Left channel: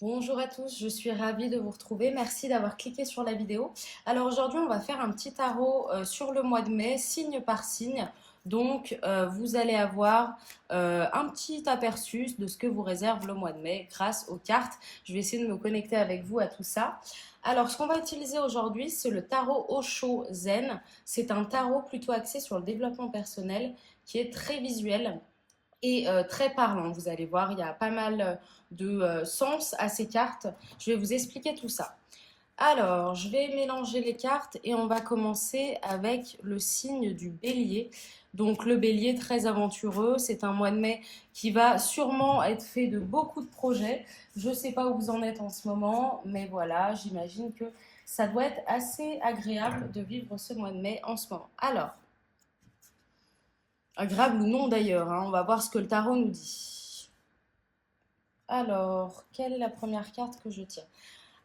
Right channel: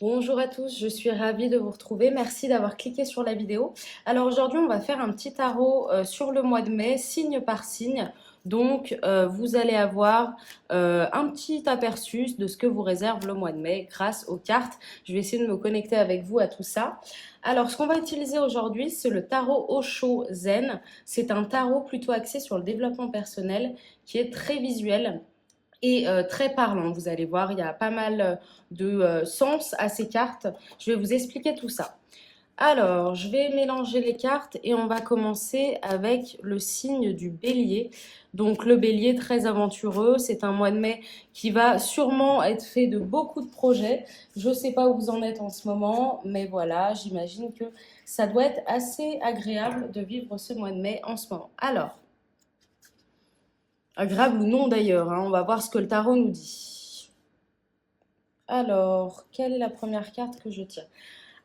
Bonjour à tous, je suis ravie de vous retrouver. Merci d'avoir cliqué sur la vidéo. Alors aujourd'hui, on va faire un petit tarot sur le mois de mai, signe par signe. Donc, vous allez avoir un petit aperçu de ce que vous réserve le mois de mai grâce aux cartes. Je vais essayer de me connecter avec vous à tout ça. Alors, ce qu'on va utiliser aujourd'hui, c'est le tarot Osho Zen. C'est un tarot plutôt axé sur le développement personnel qui est très visuel et très parlant. Vous allez voir, il y a pas mal de sens à ces cartes. Je vais vous expliquer tout ça. Alors, je vais mélanger les cartes et on va commencer avec le signe du bélier. Donc le bélier très aventureux, c'est un mois de mai qui va sûrement être fait de beaucoup de projets. Je ne sais pas où vous en êtes en ce moment, mais voilà, j'imagine que ça doit être assez agréable de vivre ce mois de mai en ce moment. Alors, agréable ou non d'ailleurs, hein, on va voir ce que le tarot nous dit. Alors, quelle est la première carte que je tire?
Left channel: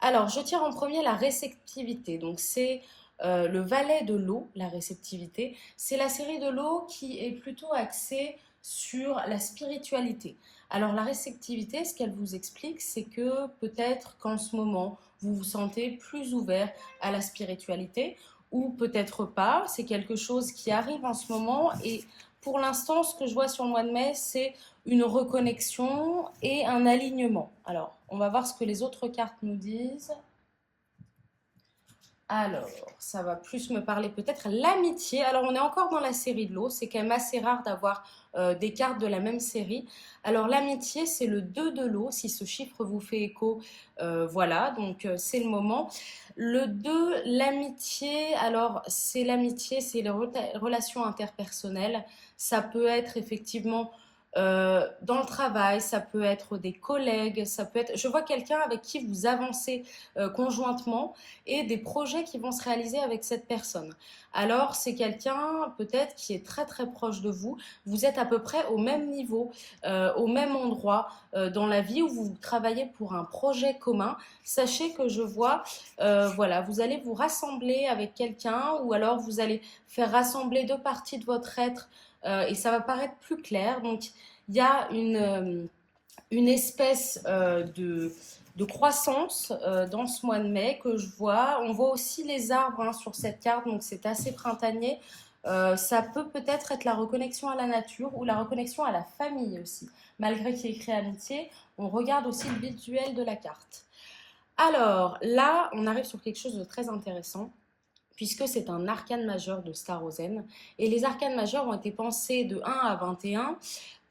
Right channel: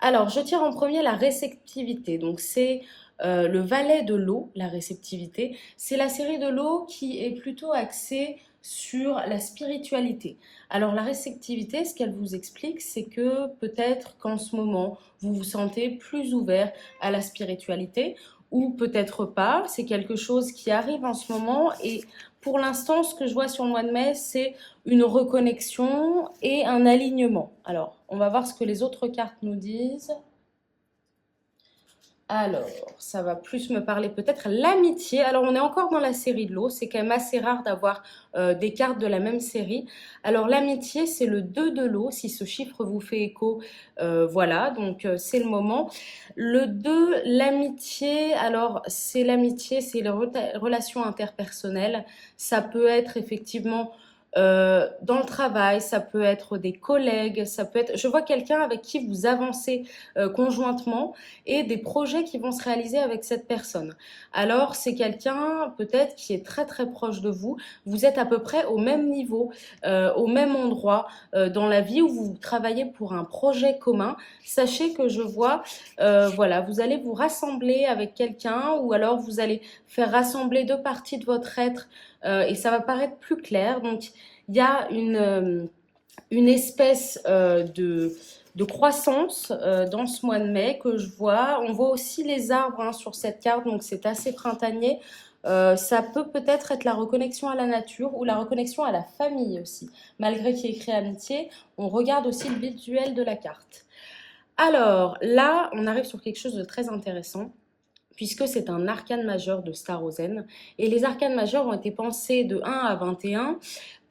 Alors, je tire en premier la réceptivité. Donc, c'est le valet de l'eau, la réceptivité. C'est la série de l'eau qui est plutôt axée sur la spiritualité. Alors, la réceptivité, ce qu'elle vous explique, c'est que peut-être qu'en ce moment, vous vous sentez plus ouvert à la spiritualité ou peut-être pas. C'est quelque chose qui arrive en ce moment et pour l'instant, ce que je vois sur le mois de mai, c'est une reconnexion et un alignement. Alors, on va voir ce que les autres cartes nous disent. Alors, ça va plus me parler peut-être l'amitié. Alors, on est encore dans la série de l'eau. C'est quand même assez rare d'avoir des cartes de la même série. Alors, l'amitié, c'est le 2 de l'eau. Si ce chiffre vous fait écho, voilà. Donc, c'est le moment. Le 2, l'amitié. Alors, c'est l'amitié, c'est les relations interpersonnelles. Ça peut être effectivement dans le travail, ça peut être des collègues, ça peut être... Je vois quelqu'un avec qui vous avancez conjointement et des projets qui vont se réaliser avec cette personne. Alors, c'est quelqu'un peut-être qui est très très proche de vous. Vous êtes à peu près au même niveau, au même endroit dans la vie où vous travaillez pour un projet commun. Sachez que je vois, voilà, vous allez vous rassembler avec quelqu'un ou alors vous allez faire rassembler deux parties de votre être et ça va paraître plus clair. Donc, il y a une espèce de croissance dans ce mois de mai que je vois. On voit aussi les arbres hein, sur cette carte, donc c'est assez printanier. Ça peut peut-être être la reconnexion à la nature ou la reconnexion à la famille aussi. Malgré qu'il y ait écrit amitié, on regarde aussi le visuel de la carte. Alors là, on arrive sur quelque chose de très intéressant puisque c'est un arcane majeur de Star Ozen. Et les arcanes majeurs ont été pensés de 1 à 21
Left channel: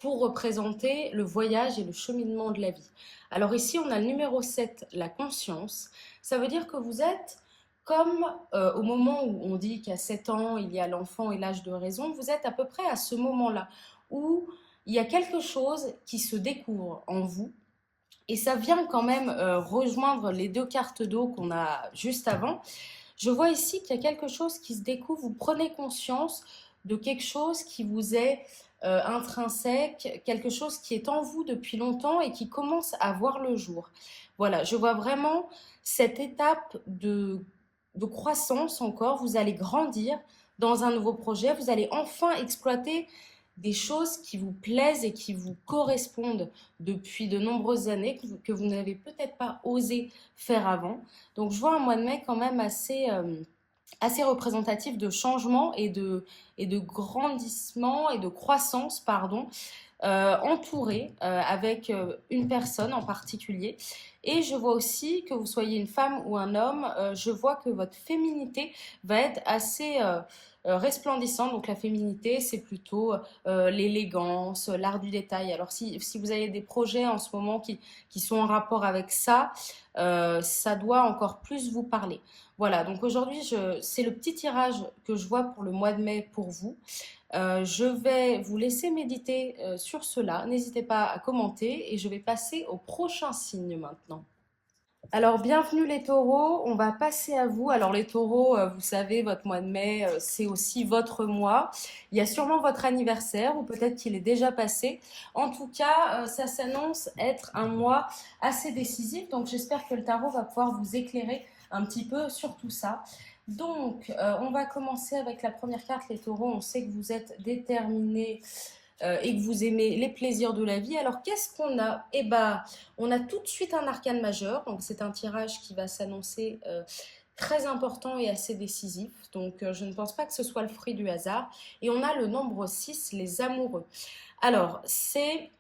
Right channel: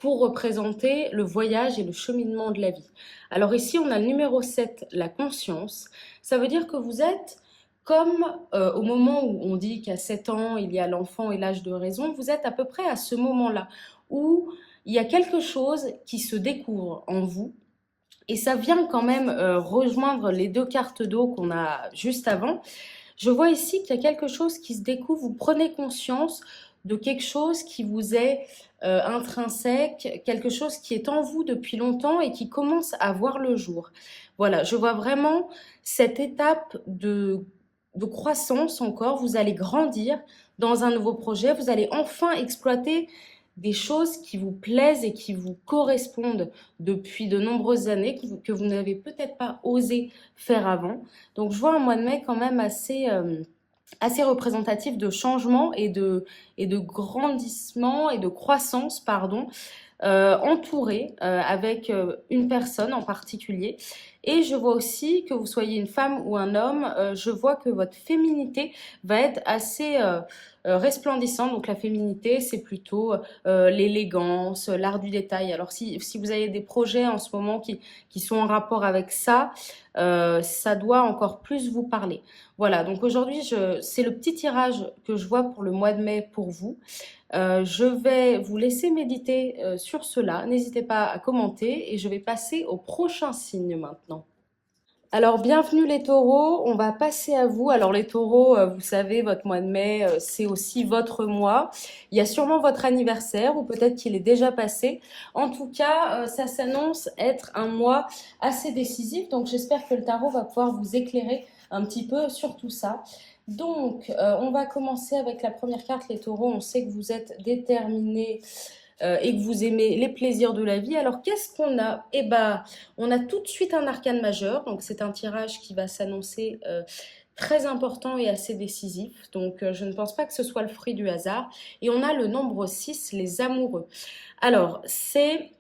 pour représenter le voyage et le cheminement de la vie. Alors ici, on a le numéro 7, la conscience. Ça veut dire que vous êtes comme au moment où on dit qu'à 7 ans, il y a l'enfant et l'âge de raison, vous êtes à peu près à ce moment-là où il y a quelque chose qui se découvre en vous. Et ça vient quand même rejoindre les deux cartes d'eau qu'on a juste avant. Je vois ici qu'il y a quelque chose qui se découvre, vous prenez conscience de quelque chose qui vous est intrinsèque, quelque chose qui est en vous depuis longtemps et qui commence à voir le jour. Voilà, je vois vraiment cette étape de croissance encore, vous allez grandir dans un nouveau projet, vous allez enfin exploiter des choses qui vous plaisent et qui vous correspondent depuis de nombreuses années, que vous n'avez peut-être pas osé faire avant. Donc je vois un mois de mai quand même assez représentatif de changement et de grandissement et de croissance, pardon, entouré avec une personne en particulier. Et je vois aussi que vous soyez une femme ou un homme, je vois que votre féminité va être assez resplendissante. Donc la féminité, c'est plutôt l'élégance, l'art du détail. Alors si vous avez des projets en ce moment qui sont en rapport avec ça, ça doit encore plus vous parler. Voilà, donc aujourd'hui, c'est le petit tirage que je vois pour le mois de mai pour vous. Je vais vous laisser méditer sur cela. N'hésitez pas à commenter et je vais passer au prochain signe maintenant. Alors, bienvenue les taureaux, on va passer à vous. Alors les taureaux, vous savez, votre mois de mai, c'est aussi votre mois. Il y a sûrement votre anniversaire ou peut-être qu'il est déjà passé. En tout cas, ça s'annonce être un mois assez décisif. Donc j'espère que le tarot va pouvoir vous éclairer un petit peu sur tout ça. Donc, on va commencer avec la première carte, les taureaux. On sait que vous êtes déterminés et que vous aimez les plaisirs de la vie, alors qu'est-ce qu'on a? Eh ben, on a tout de suite un arcane majeur, donc c'est un tirage qui va s'annoncer très important et assez décisif, donc je ne pense pas que ce soit le fruit du hasard. Et on a le nombre 6, les amoureux. Alors, c'est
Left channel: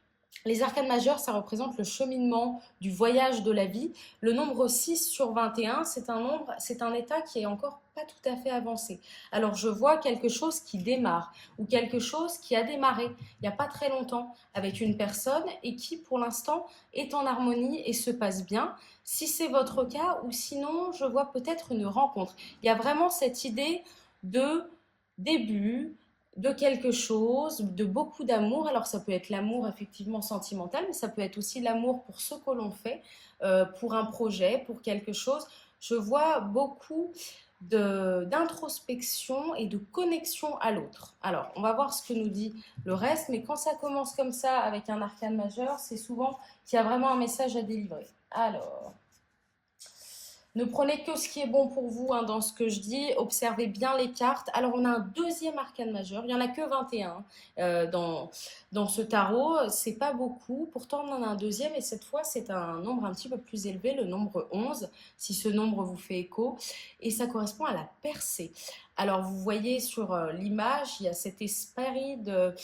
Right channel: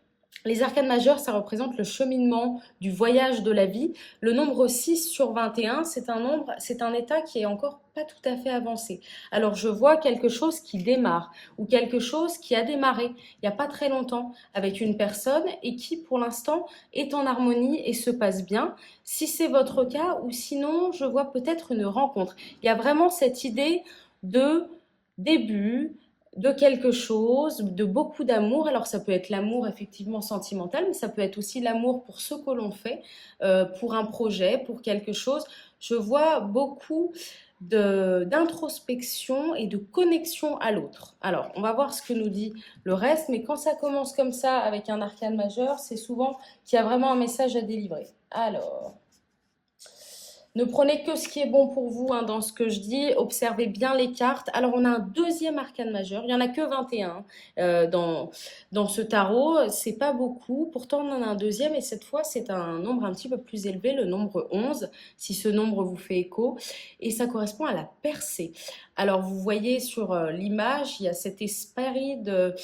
les arcanes majeures, ça représente le cheminement du voyage de la vie. Le nombre 6 sur 21, c'est un nombre, c'est un état qui est encore pas tout à fait avancé. Alors, je vois quelque chose qui démarre ou quelque chose qui a démarré il n'y a pas très longtemps avec une personne et qui, pour l'instant, est en harmonie et se passe bien. Si c'est votre cas, ou sinon, je vois peut-être une rencontre. Il y a vraiment cette idée de début, de quelque chose, de beaucoup d'amour. Alors ça peut être l'amour effectivement sentimental, mais ça peut être aussi l'amour pour ce que l'on fait, pour un projet, pour quelque chose. Je vois beaucoup d'introspection et de connexion à l'autre. Alors, on va voir ce que nous dit le reste, mais quand ça commence comme ça avec un arcane majeur, c'est souvent qu'il y a vraiment un message à délivrer. Alors, ne prenez que ce qui est bon pour vous hein, dans ce que je dis. Observez bien les cartes. Alors, on a un deuxième arcane majeur. Il n'y en a que 21 dans ce tarot. C'est pas beaucoup. Pourtant, on en a un deuxième. Et cette fois, c'est un nombre un petit peu plus élevé, le nombre 11, si ce nombre vous fait écho. Et ça correspond à la percée. Alors, vous voyez sur l'image, il y a cet esprit de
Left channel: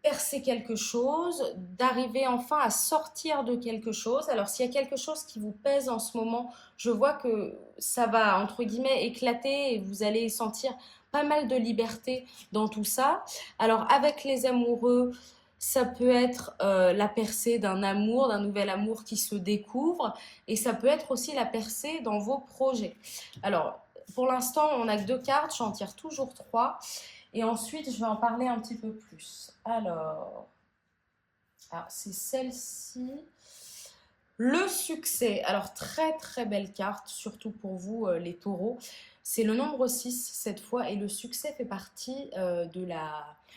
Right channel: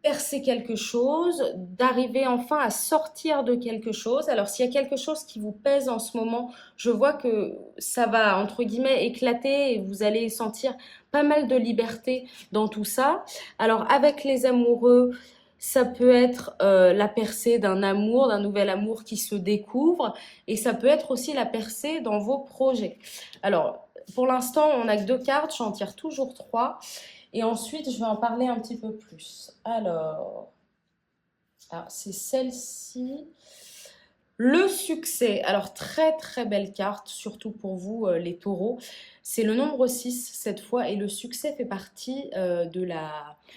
percer quelque chose, d'arriver enfin à sortir de quelque chose. Alors s'il y a quelque chose qui vous pèse en ce moment, je vois que ça va entre guillemets éclater et vous allez sentir pas mal de liberté dans tout ça. Alors avec les amoureux, ça peut être la percée d'un amour, d'un nouvel amour qui se découvre et ça peut être aussi la percée dans vos projets. Alors pour l'instant, on n'a que 2 cartes, j'en tire toujours 3. Et ensuite, je vais en parler un petit peu plus. Alors c'est celle-ci. Le succès. Alors, très très belle carte, surtout pour vous, les taureaux. C'est le nombre 6 cette fois. Et le succès fait partie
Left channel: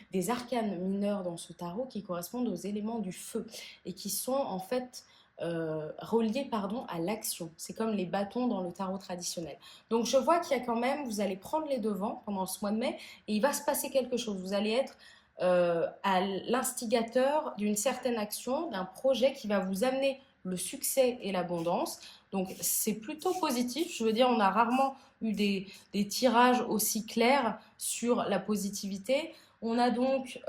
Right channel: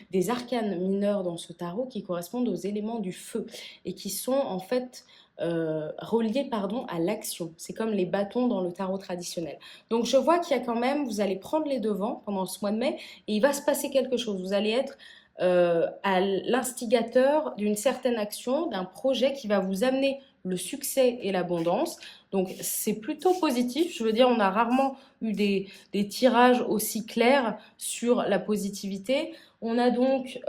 des arcanes mineurs dans ce tarot qui correspondent aux éléments du feu et qui sont en fait reliés à l'action. C'est comme les bâtons dans le tarot traditionnel. Donc je vois qu'il y a quand même, vous allez prendre les devants pendant ce mois de mai et il va se passer quelque chose. Vous allez être à l'instigateur d'une certaine action, d'un projet qui va vous amener le succès et l'abondance. Donc c'est plutôt positif. Je veux dire, on a rarement eu des tirages aussi clairs sur la positivité. On a donc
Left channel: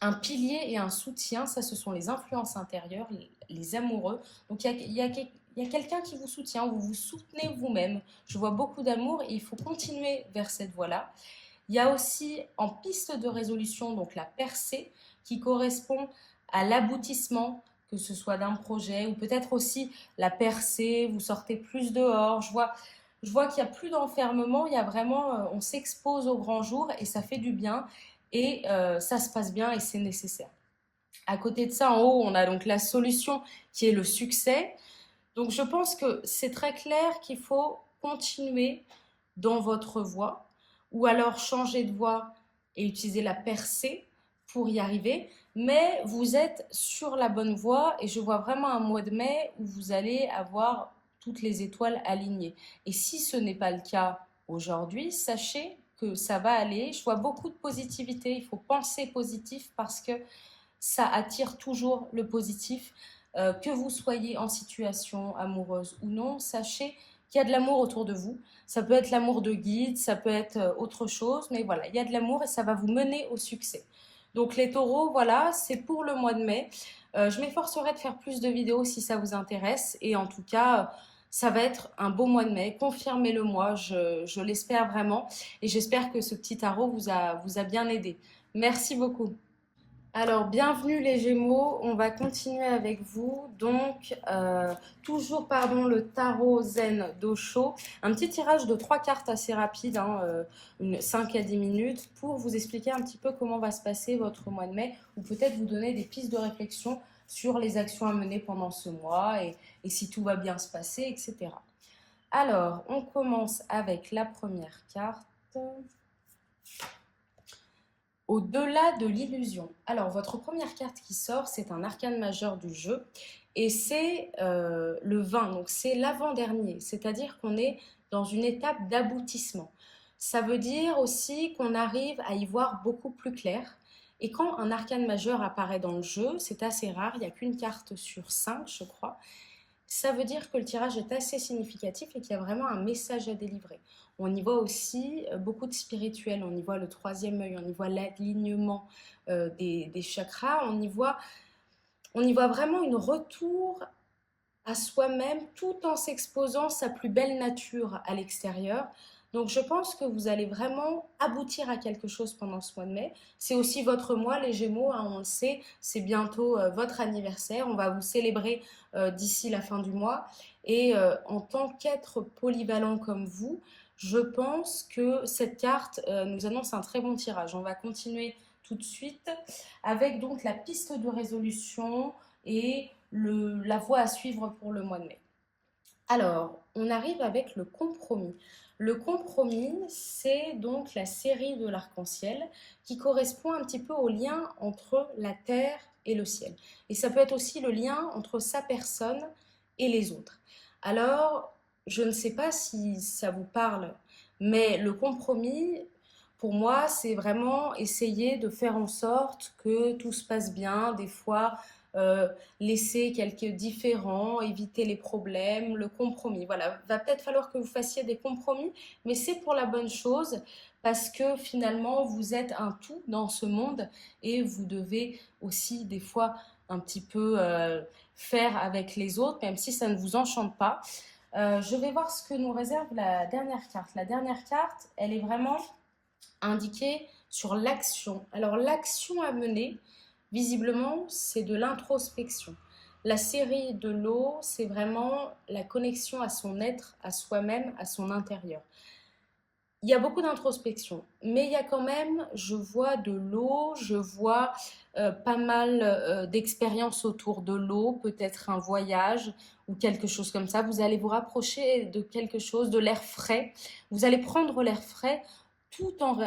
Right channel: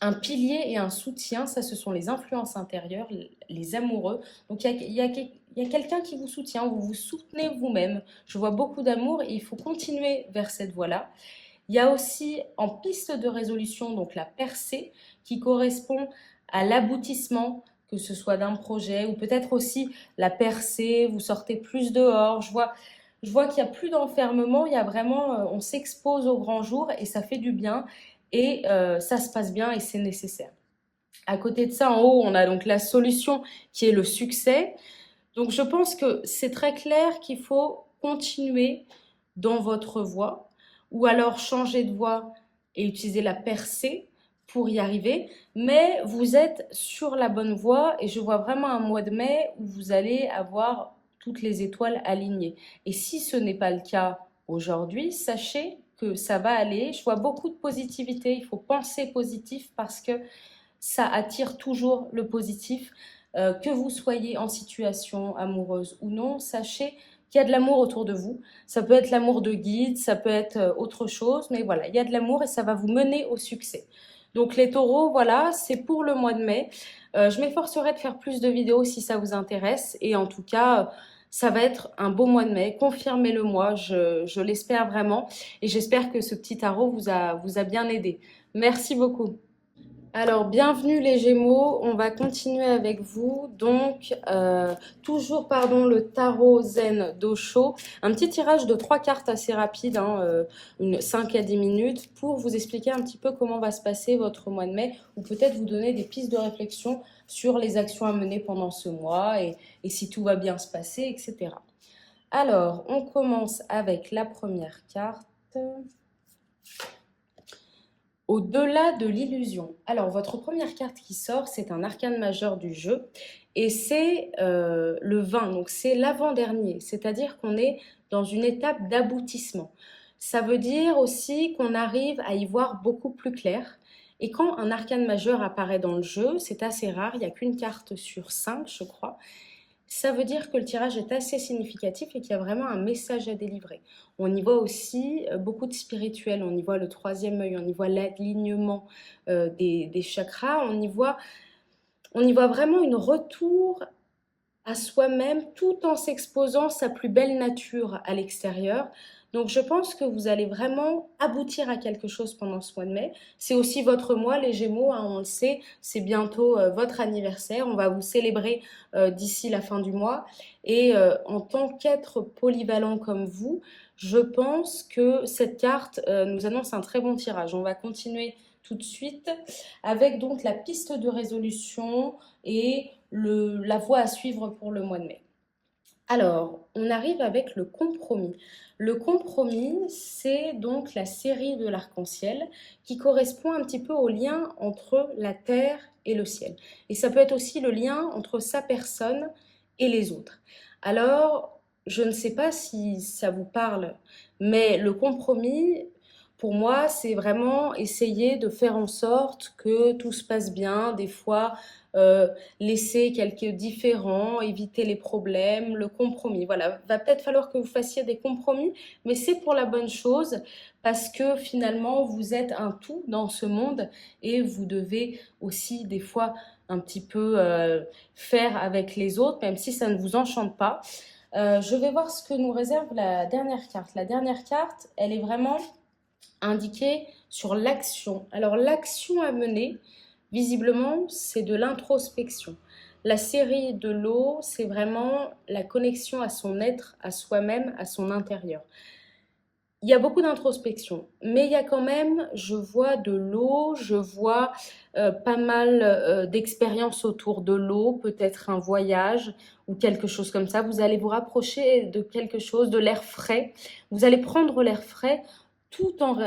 un pilier et un soutien, ça ce sont les influences intérieures, les amoureux. Donc il y a quelqu'un qui vous soutient, vous vous soutenez vous-même. Je vois beaucoup d'amour et il faut continuer vers cette voie-là. Il y a aussi en piste de résolution donc la percée qui correspond à l'aboutissement, que ce soit d'un projet ou peut-être aussi la percée, vous sortez plus dehors. Je vois qu'il n'y a plus d'enfermement, il y a vraiment, on s'expose au grand jour et ça fait du bien et ça se passe bien et c'est nécessaire. À côté de ça, en haut, on a donc la solution qui est le succès. Donc je pense que c'est très clair qu'il faut continuer dans votre voie ou alors changer de voie et utiliser la percée pour y arriver. Mais vous êtes sur la bonne voie et je vois vraiment un mois de mai où vous allez avoir toutes les étoiles alignées. Et si ce n'est pas le cas aujourd'hui, sachez que ça va aller. Je vois beaucoup de positivité. Il faut penser positif parce que ça attire toujours le positif. Que vous soyez en situation amoureuse ou non, sachez qu'il y a de l'amour autour de vous. Ça peut être l'amour de guide, ça peut être autre chose, mais voilà, il y a de l'amour et ça va vous mener au succès. Donc les taureaux, voilà, c'est pour le mois de mai. Je m'efforcerai de faire plus de vidéos si ça vous intéresse. Et en tout cas, ça va être un beau mois de mai. Confirmez-le-moi, je l'espère vraiment. Et j'espère que ce petit tarot vous a bien aidé. Merci beaucoup. Alors, bienvenue les Gémeaux, on va continuer avec vous. Donc, toujours, le tarot zen d'Osho. Un petit tirage de 3 cartes assez rapide, 5 à 10 minutes, pour vous expliquer un petit peu comment va se passer votre mois de mai, ou peut-être vous donner des pistes de réflexion sur les actions à mener pendant ce mois, et si tout va bien se passer, etc. Alors, on commence avec la première carte. Au-delà de l'illusion. Alors, votre première carte qui sort, c'est un arcane majeur du jeu et c'est le 20, donc c'est l'avant-dernier, c'est-à-dire qu'on est dans une étape d'aboutissement. Ça veut dire aussi qu'on arrive à y voir beaucoup plus clair, Et quand un arcane majeur apparaît dans le jeu, c'est assez rare, il n'y a qu'une carte sur 5, je crois. Ça veut dire que le tirage est assez significatif et qu'il y a vraiment un message à délivrer. On y voit aussi beaucoup de spirituel, on y voit le troisième œil, on y voit l'alignement des chakras, on y voit vraiment une retour à soi-même tout en s'exposant sa plus belle nature à l'extérieur. Donc je pense que vous allez vraiment aboutir à quelque chose pendant ce mois de mai. C'est aussi votre mois, les Gémeaux, hein, on le sait, c'est bientôt votre anniversaire. On va vous célébrer d'ici la fin du mois. Et en tant qu'être polyvalent comme vous, je pense que cette carte nous annonce un très bon tirage. On va continuer tout de suite avec donc la piste de résolution et la voie à suivre pour le mois de mai. Alors, on arrive avec le compromis. Le compromis, c'est donc la série de l'arc-en-ciel qui correspond un petit peu au lien entre la terre et le ciel. Et ça peut être aussi le lien entre sa personne et les autres. Alors, je ne sais pas si ça vous parle, mais le compromis, pour moi, c'est vraiment essayer de faire en sorte que tout se passe bien. Des fois, euh, laisser quelques différends, éviter les problèmes, le compromis. Voilà, va peut-être falloir que vous fassiez des compromis, mais c'est pour la bonne chose parce que finalement, vous êtes un tout dans ce monde et vous devez aussi des fois un petit peu faire avec les autres, même si ça ne vous enchante pas. Je vais voir ce que nous réserve la dernière carte. La dernière carte, elle est vraiment indiquée sur l'action. Alors l'action à mener, visiblement, c'est de l'introspection. La série de l'eau, c'est vraiment la connexion à son être, à soi-même, à son intérieur. Il y a beaucoup d'introspection, mais il y a quand même, je vois de l'eau, je vois pas mal d'expériences autour de l'eau, peut-être un voyage ou quelque chose comme ça. Vous allez vous rapprocher de quelque chose, de l'air frais. Vous allez prendre l'air frais tout en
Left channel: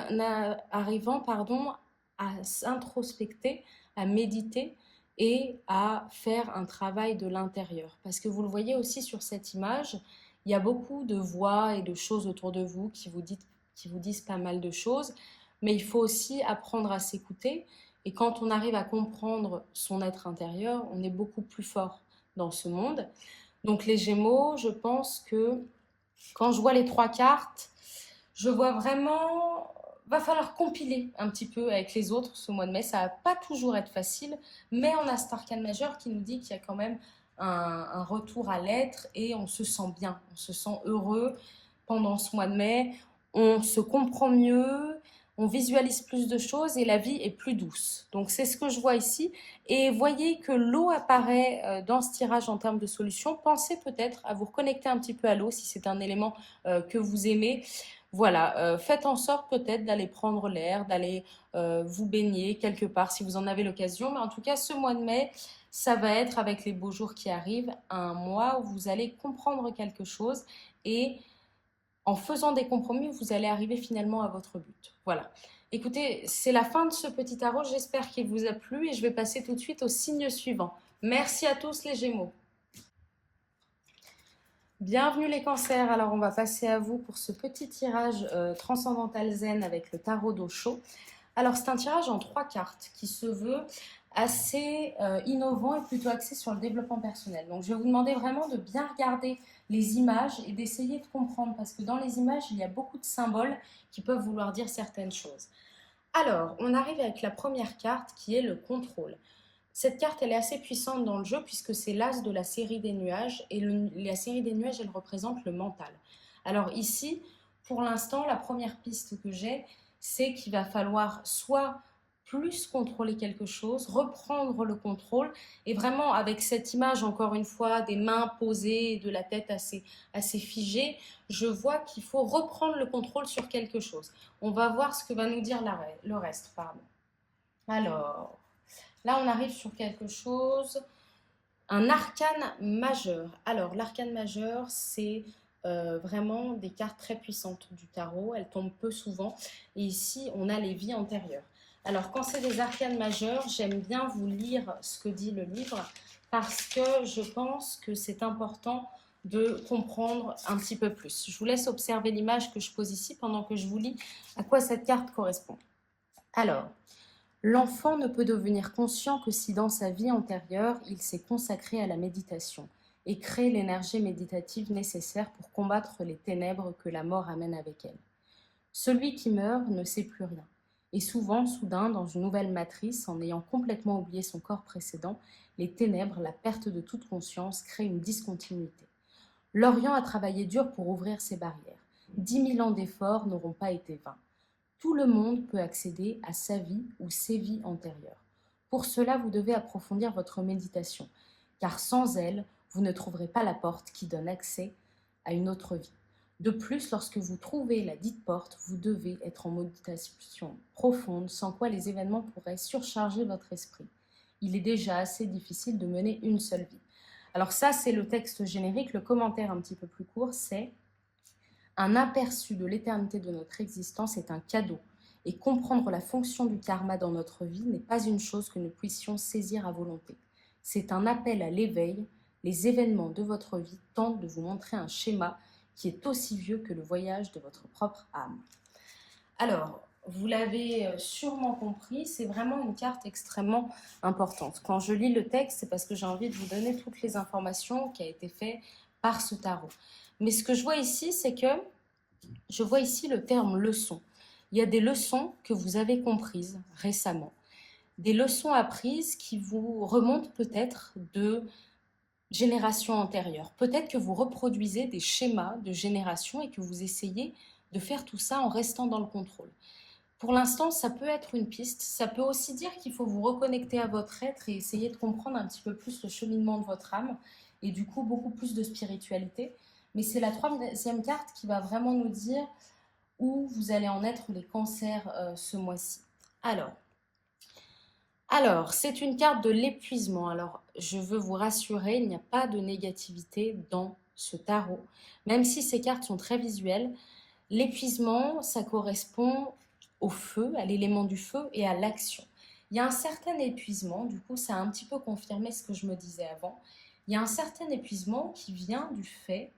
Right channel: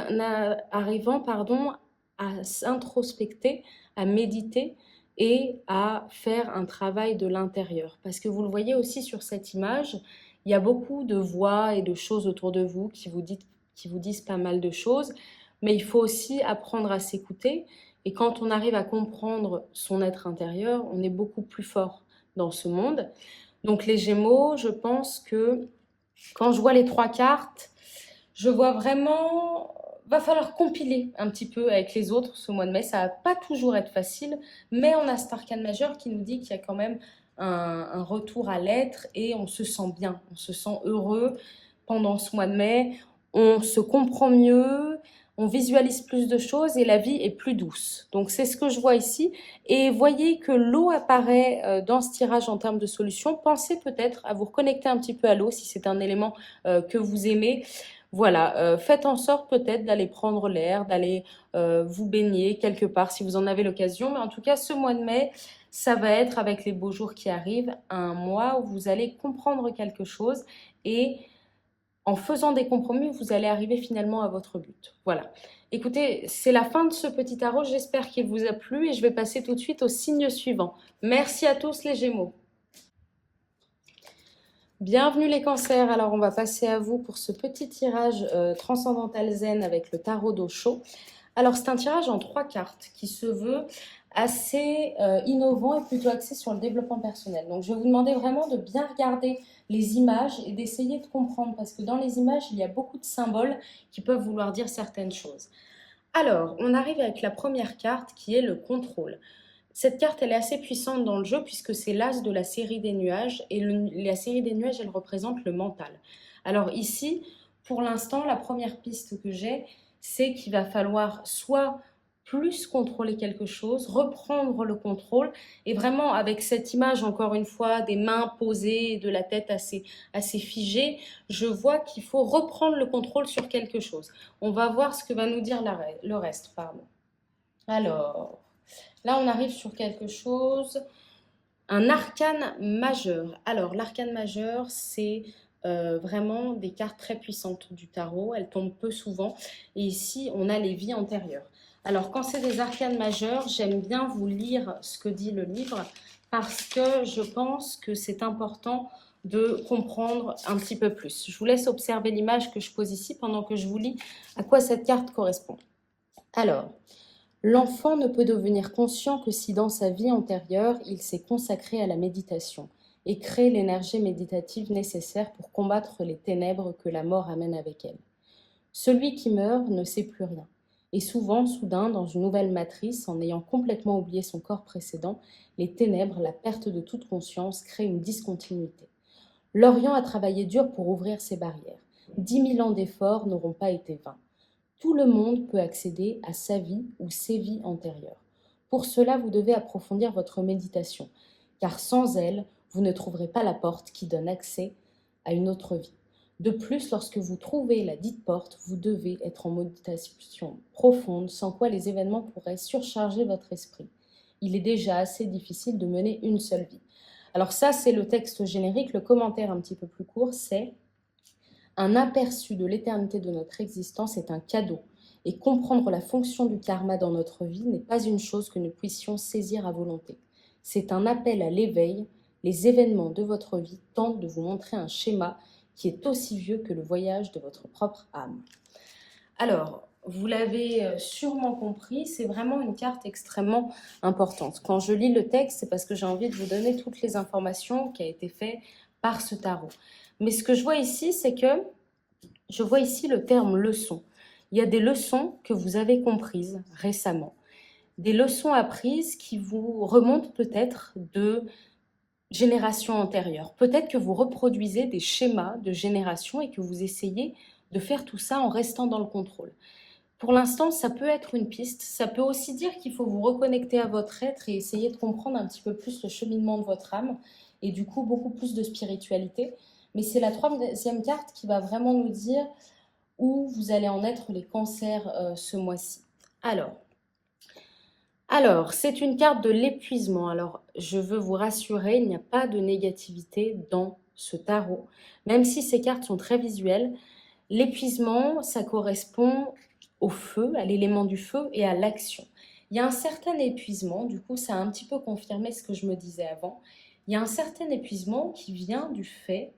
arrivant, pardon, à s'introspecter, à méditer et à faire un travail de l'intérieur. Parce que vous le voyez aussi sur cette image, il y a beaucoup de voix et de choses autour de vous qui vous disent pas mal de choses, mais il faut aussi apprendre à s'écouter. Et quand on arrive à comprendre son être intérieur, on est beaucoup plus fort dans ce monde. Donc les Gémeaux, je pense que quand je vois les trois cartes, je vois vraiment, va falloir compiler un petit peu avec les autres ce mois de mai. Ça va pas toujours être facile, mais on a cet arcane majeur qui nous dit qu'il y a quand même un retour à l'être et on se sent bien, on se sent heureux pendant ce mois de mai. On se comprend mieux, on visualise plus de choses et la vie est plus douce. Donc c'est ce que je vois ici. Et voyez que l'eau apparaît dans ce tirage en termes de solutions. Pensez peut-être à vous reconnecter un petit peu à l'eau si c'est un élément que vous aimez. Voilà, faites en sorte peut-être d'aller prendre l'air, d'aller vous baigner quelque part si vous en avez l'occasion. Mais en tout cas, ce mois de mai, ça va être avec les beaux jours qui arrivent, un mois où vous allez comprendre quelque chose et en faisant des compromis, vous allez arriver finalement à votre but. Voilà. Écoutez, c'est la fin de ce petit tarot. J'espère qu'il vous a plu et je vais passer tout de suite au signe suivant. Merci à tous les Gémeaux. Bienvenue les cancers, alors on va passer à vous pour ce petit tirage transcendantal zen avec le tarot d'Osho. Alors c'est un tirage en 3 cartes qui se veut assez innovant et plutôt axé sur le développement personnel. Donc je vais vous demander vraiment de bien regarder les images et d'essayer de comprendre parce que dans les images il y a beaucoup de symboles qui peuvent vouloir dire certaines choses. Alors on arrive avec la première carte qui est le contrôle. Cette carte, elle est assez puissante dans le jeu puisque c'est l'as de la série des nuages et la série des nuages, elle représente le mental. Alors ici, pour l'instant, la première piste que j'ai, c'est qu'il va falloir soit plus contrôler quelque chose, reprendre le contrôle et vraiment avec cette image, encore une fois, des mains posées, de la tête assez figée, je vois qu'il faut reprendre le contrôle sur quelque chose. On va voir ce que va nous dire le reste. Pardon. Alors... Là, on arrive sur quelque chose, un arcane majeur. Alors, l'arcane majeur, c'est vraiment des cartes très puissantes du tarot. Elles tombent peu souvent. Et ici, on a les vies antérieures. Alors, quand c'est des arcanes majeurs, j'aime bien vous lire ce que dit le livre parce que je pense que c'est important de comprendre un petit peu plus. Je vous laisse observer l'image que je pose ici pendant que je vous lis à quoi cette carte correspond. Alors, L'enfant ne peut devenir conscient que si dans sa vie antérieure, il s'est consacré à la méditation et crée l'énergie méditative nécessaire pour combattre les ténèbres que la mort amène avec elle. Celui qui meurt ne sait plus rien, et souvent, soudain, dans une nouvelle matrice, en ayant complètement oublié son corps précédent, les ténèbres, la perte de toute conscience, créent une discontinuité. L'Orient a travaillé dur pour ouvrir ces barrières. 10 000 ans d'efforts n'auront pas été vains. Tout le monde peut accéder à sa vie ou ses vies antérieures. Pour cela, vous devez approfondir votre méditation, car sans elle, vous ne trouverez pas la porte qui donne accès à une autre vie. De plus, lorsque vous trouvez la dite porte, vous devez être en méditation profonde, sans quoi les événements pourraient surcharger votre esprit. Il est déjà assez difficile de mener une seule vie. Alors ça, c'est le texte générique. Le commentaire un petit peu plus court, c'est: un aperçu de l'éternité de notre existence est un cadeau, et comprendre la fonction du karma dans notre vie n'est pas une chose que nous puissions saisir à volonté. C'est un appel à l'éveil. Les événements de votre vie tentent de vous montrer un schéma qui est aussi vieux que le voyage de votre propre âme. Alors, vous l'avez sûrement compris, c'est vraiment une carte extrêmement importante. Quand je lis le texte, c'est parce que j'ai envie de vous donner toutes les informations qui ont été faites par ce tarot. Mais ce que je vois ici, c'est que je vois ici le terme leçon. Il y a des leçons que vous avez comprises récemment, des leçons apprises qui vous remontent peut-être de générations antérieures. Peut-être que vous reproduisez des schémas de génération et que vous essayez de faire tout ça en restant dans le contrôle. Pour l'instant, ça peut être une piste. Ça peut aussi dire qu'il faut vous reconnecter à votre être et essayer de comprendre un petit peu plus le cheminement de votre âme et du coup beaucoup plus de spiritualité. Mais c'est la troisième carte qui va vraiment nous dire où vous allez en être les cancers ce mois-ci. Alors, c'est une carte de l'épuisement. Alors, je veux vous rassurer, il n'y a pas de négativité dans ce tarot. Même si ces cartes sont très visuelles, l'épuisement, ça correspond au feu, à l'élément du feu et à l'action. Il y a un certain épuisement, du coup, ça a un petit peu confirmé ce que je me disais avant. Il y a un certain épuisement qui vient du fait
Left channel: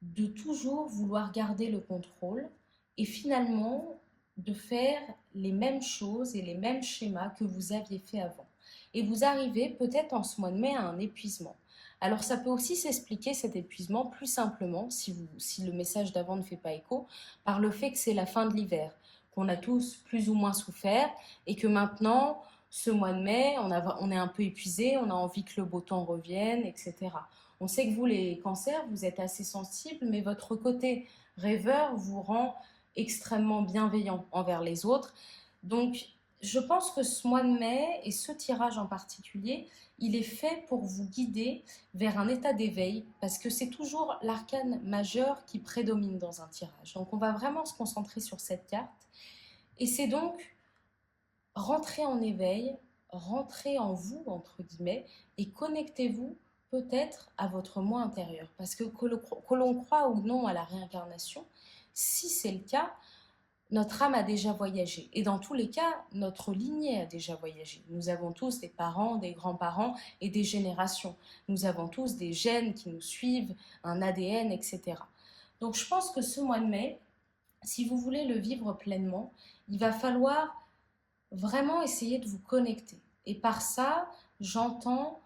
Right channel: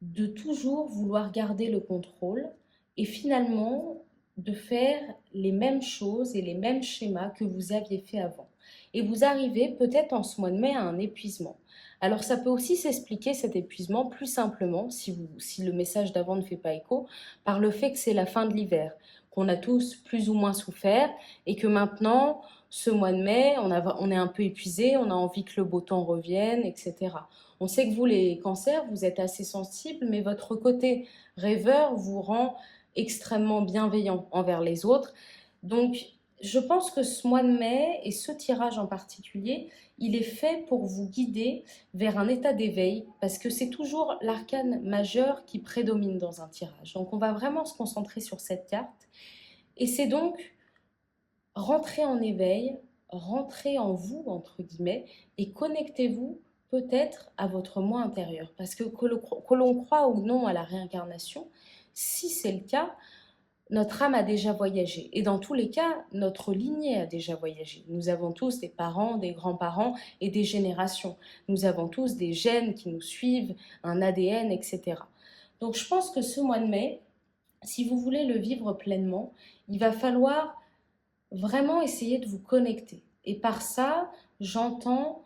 de toujours vouloir garder le contrôle et finalement de faire les mêmes choses et les mêmes schémas que vous aviez fait avant. Et vous arrivez peut-être en ce mois de mai à un épuisement. Alors ça peut aussi s'expliquer cet épuisement plus simplement, si le message d'avant ne fait pas écho, par le fait que c'est la fin de l'hiver, qu'on a tous plus ou moins souffert et que maintenant, ce mois de mai, on est un peu épuisé, on a envie que le beau temps revienne, etc. On sait que vous, les cancers, vous êtes assez sensibles, mais votre côté rêveur vous rend extrêmement bienveillant envers les autres. Donc, je pense que ce mois de mai et ce tirage en particulier, il est fait pour vous guider vers un état d'éveil parce que c'est toujours l'arcane majeur qui prédomine dans un tirage. Donc, on va vraiment se concentrer sur cette carte. Et c'est donc rentrer en éveil, rentrer en vous, entre guillemets, et connectez-vous peut-être à votre moi intérieur. Parce que l'on croit ou non à la réincarnation, si c'est le cas, notre âme a déjà voyagé. Et dans tous les cas, notre lignée a déjà voyagé. Nous avons tous des parents, des grands-parents et des générations. Nous avons tous des gènes qui nous suivent, un ADN, etc. Donc je pense que ce mois de mai, si vous voulez le vivre pleinement, il va falloir vraiment essayer de vous connecter. Et par ça, j'entends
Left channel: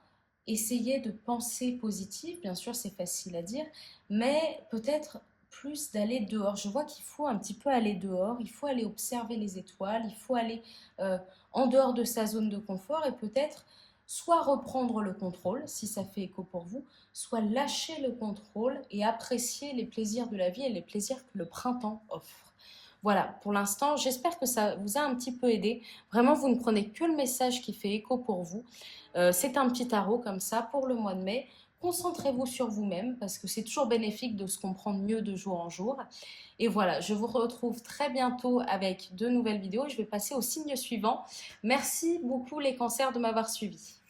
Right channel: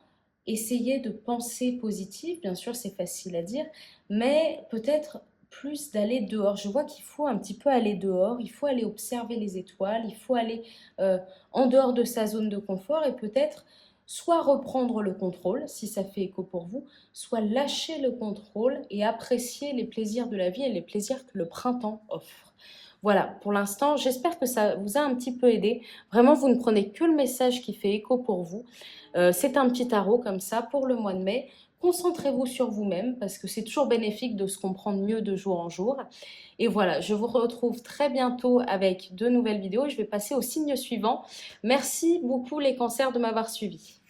essayer de penser positif. Bien sûr, c'est facile à dire, mais peut-être plus d'aller dehors. Je vois qu'il faut un petit peu aller dehors, il faut aller observer les étoiles, il faut aller en dehors de sa zone de confort et peut-être soit reprendre le contrôle, si ça fait écho pour vous, soit lâcher le contrôle et apprécier les plaisirs de la vie et les plaisirs que le printemps offre. Voilà, pour l'instant, j'espère que ça vous a un petit peu aidé. Vraiment, vous ne prenez que le message qui fait écho pour vous. C'est un petit tarot comme ça pour le mois de mai. Concentrez-vous sur vous-même parce que c'est toujours bénéfique de se comprendre mieux de jour en jour. Et voilà, je vous retrouve très bientôt avec de nouvelles vidéos. Je vais passer au signe suivant. Merci beaucoup les cancers de m'avoir suivi.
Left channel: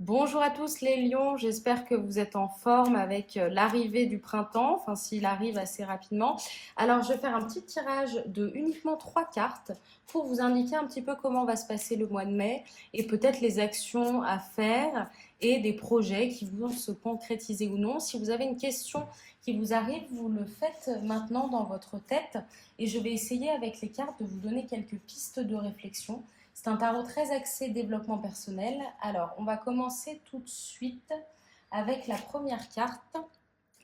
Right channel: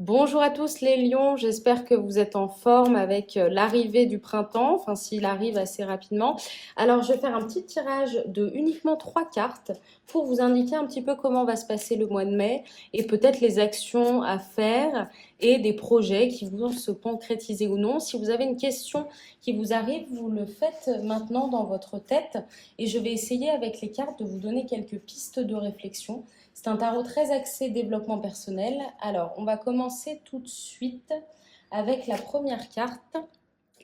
Bonjour à tous les lions, j'espère que vous êtes en forme avec l'arrivée du printemps, enfin s'il arrive assez rapidement. Alors je vais faire un petit tirage de uniquement 3 cartes pour vous indiquer un petit peu comment va se passer le mois de mai et peut-être les actions à faire et des projets qui vont se concrétiser ou non. Si vous avez une question qui vous arrive, vous le faites maintenant dans votre tête et je vais essayer avec les cartes de vous donner quelques pistes de réflexion. C'est un tarot très axé développement personnel. Alors, on va commencer tout de suite avec la première carte.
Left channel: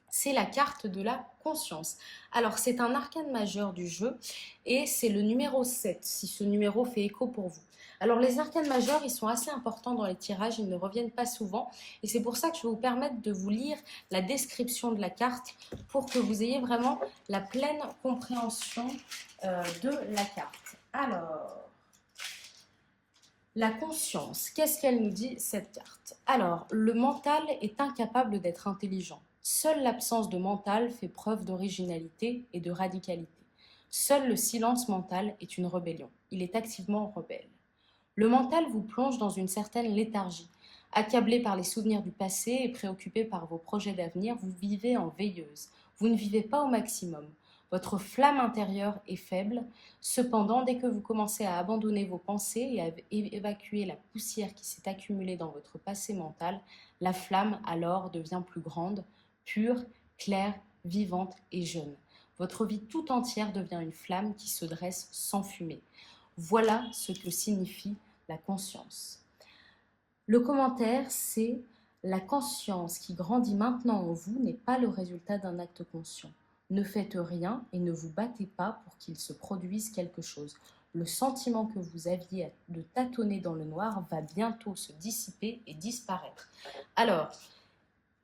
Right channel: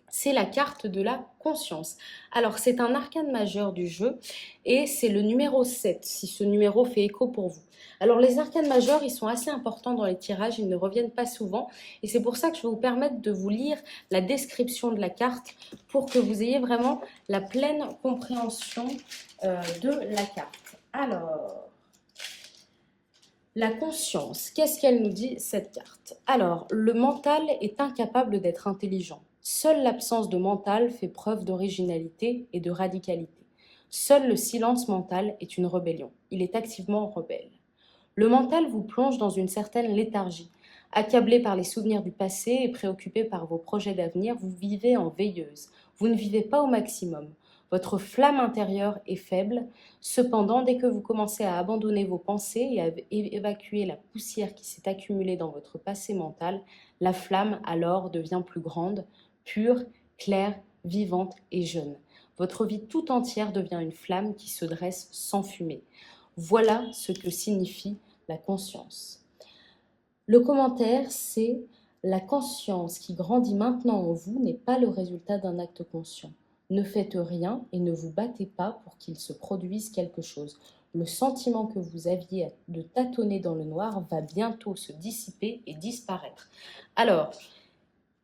C'est la carte de la conscience. Alors, c'est un arcane majeur du jeu et c'est le numéro 7, si ce numéro fait écho pour vous. Alors, les arcanes majeurs, ils sont assez importants dans les tirages, ils ne reviennent pas souvent. Et c'est pour ça que je vais vous permettre de vous lire la description de la carte pour que vous ayez vraiment la pleine compréhension de la carte. Alors, la conscience, qu'est-ce qu'elle nous dit cette carte? Alors, le mental est incapable d'être intelligent. Seule l'absence de mental fait preuve d'originalité et de radicalité. Seul le silence mental est une rébellion. Il est activement rebelle. Le mental vous plonge dans une certaine léthargie. Accablé par les souvenirs du passé et préoccupé par vos projets d'avenir, vous vivez en veilleuse. Vous ne vivez pas au maximum. Votre flamme intérieure est faible. Cependant, dès que vous commencez à abandonner vos pensées et à évacuer la poussière qui s'est accumulée dans votre passé mental, la flamme alors devient plus grande, pure, claire, vivante et jeune. Votre vie tout entière devient une flamme qui se dresse sans fumée. Voilà ce que signifie la conscience. Le commentaire, c'est la conscience qui grandit maintenant en vous n'est pas le résultat d'un acte conscient. Ne faites rien et ne vous battez pas pour qu'il se produise quelque chose. Le sentiment que vous aviez de tâtonner dans le noir va bientôt se dissiper et disparaître. Alors,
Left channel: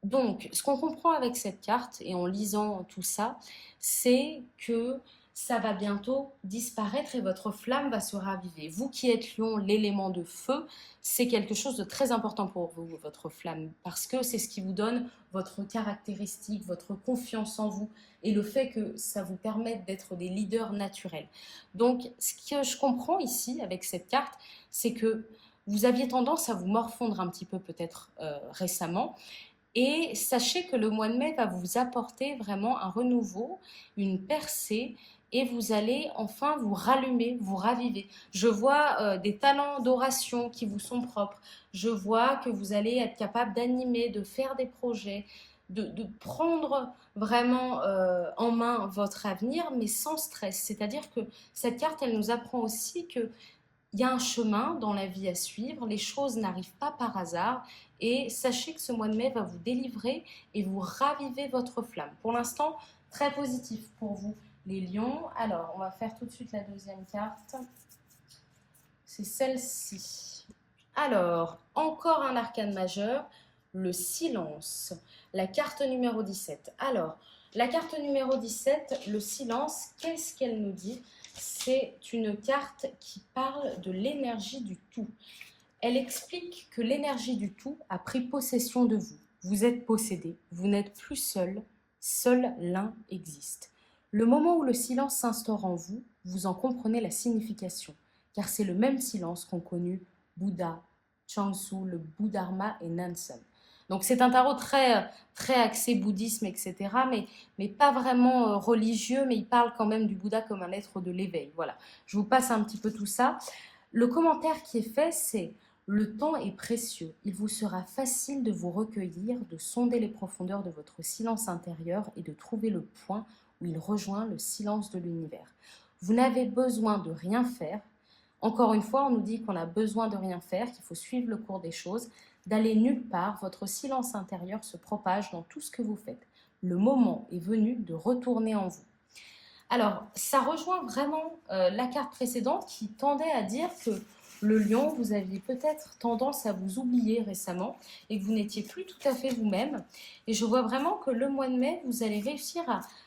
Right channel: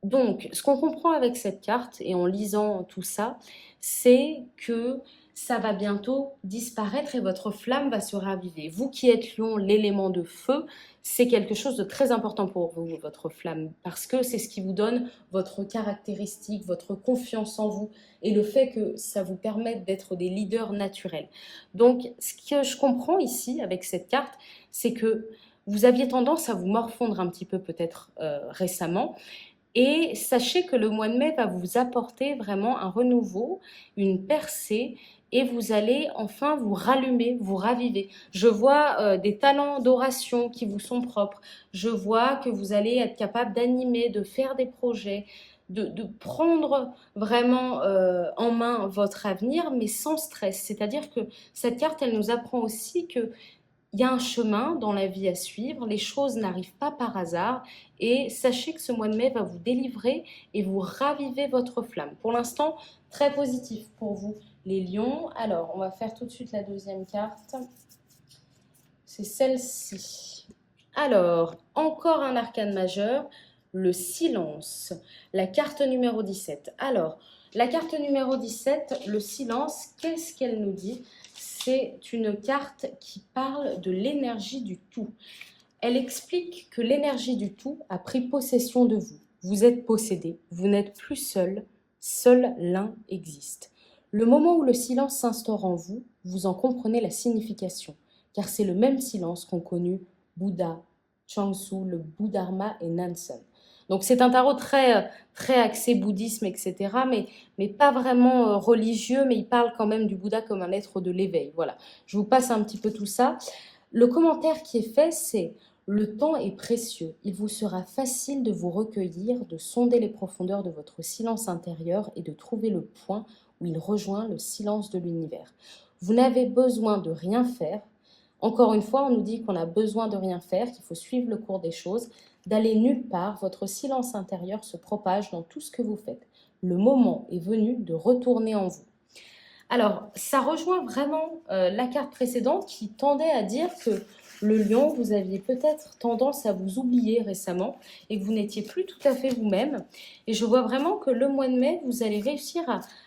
donc, ce qu'on comprend avec cette carte et en lisant tout ça, c'est que ça va bientôt disparaître et votre flamme va se raviver. Vous qui êtes lion, l'élément de feu, c'est quelque chose de très important pour vous, votre flamme, parce que c'est ce qui vous donne votre caractéristique, votre confiance en vous et le fait que ça vous permette d'être des leaders naturels. Donc, ce que je comprends ici avec cette carte, c'est que vous aviez tendance à vous morfondre un petit peu peut-être récemment et sachez que le mois de mai va vous apporter vraiment un renouveau, une percée, et vous allez enfin vous rallumer, vous raviver. Je vois des talents d'oration qui vous sont propres. Je vois que vous allez être capable d'animer, de faire des projets, de prendre vraiment en main votre avenir, mais sans stress. C'est-à-dire que cette carte, elle nous apprend aussi que il y a un chemin dans la vie à suivre, les choses n'arrivent pas par hasard et sachez que ce mois de mai va vous délivrer et vous raviver votre flamme. Pour l'instant, très positif pour vous les lions. Alors, on va faire tout de suite la deuxième carte. C'est celle-ci. Alors, encore un arcane majeur, le silence. La carte numéro 17. Alors, la carte numéro 17, le silence, qu'est-ce qu'elle nous dit? C'est une carte qui parle de l'énergie du tout. Elle explique que l'énergie du tout a pris possession de vous. Vous êtes possédé, vous n'êtes plus seul, seul l'un existe. Le moment où le silence s'instaure en vous, vous en comprenez la signification, car c'est le même silence qu'ont connu Bouddha, Changsu, le Bouddharma et Nansen. Donc c'est un tarot très axé bouddhisme, etc., mais pas vraiment religieux, mais il parle quand même du Bouddha comme un être de l'éveil. Voilà, je vous passe un petit peu tout ça. Le commentaire qui est fait, c'est: le temps est précieux. Il vous sera facile de vous recueillir, de sonder les profondeurs de votre silence intérieur et de trouver le point où il rejoint le silence de l'univers. Vous n'avez besoin de rien faire. Encore une fois, on nous dit qu'on a besoin de rien faire, qu'il faut suivre le cours des choses, d'aller nulle part. Votre silence intérieur se propage dans tout ce que vous faites. Le moment est venu de retourner en vous. Alors, ça rejoint vraiment la carte précédente qui tendait à dire que le lion, vous aviez peut-être tendance à vous oublier récemment et que vous n'étiez plus tout à fait vous-même. Et je vois vraiment que le mois de mai, vous allez réussir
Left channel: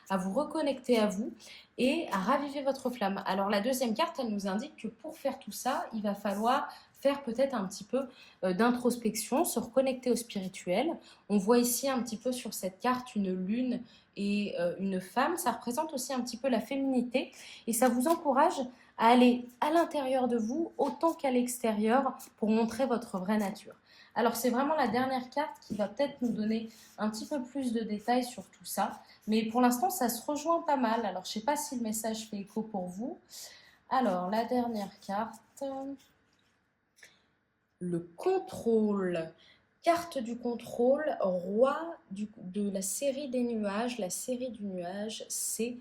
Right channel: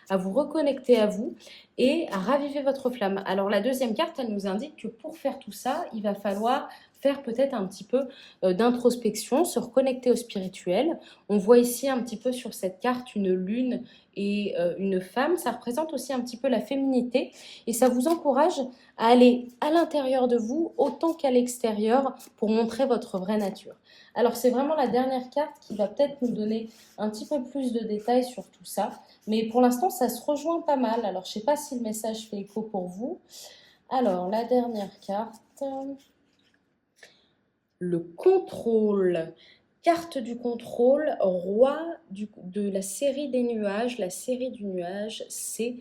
à vous reconnecter à vous et à raviver votre flamme. Alors, la deuxième carte, elle nous indique que pour faire tout ça, il va falloir faire peut-être un petit peu d'introspection, se reconnecter au spirituel. On voit ici un petit peu sur cette carte une lune et une femme. Ça représente aussi un petit peu la féminité et ça vous encourage à aller à l'intérieur de vous autant qu'à l'extérieur pour montrer votre vraie nature. Alors c'est vraiment la dernière carte qui va peut-être nous donner un petit peu plus de détails sur tout ça. Mais pour l'instant, ça se rejoint pas mal. Alors, je ne sais pas si le message fait écho pour vous. Alors, la dernière carte, le contrôle. Carte du contrôle, roi de la série des nuages. La série du nuage, c'est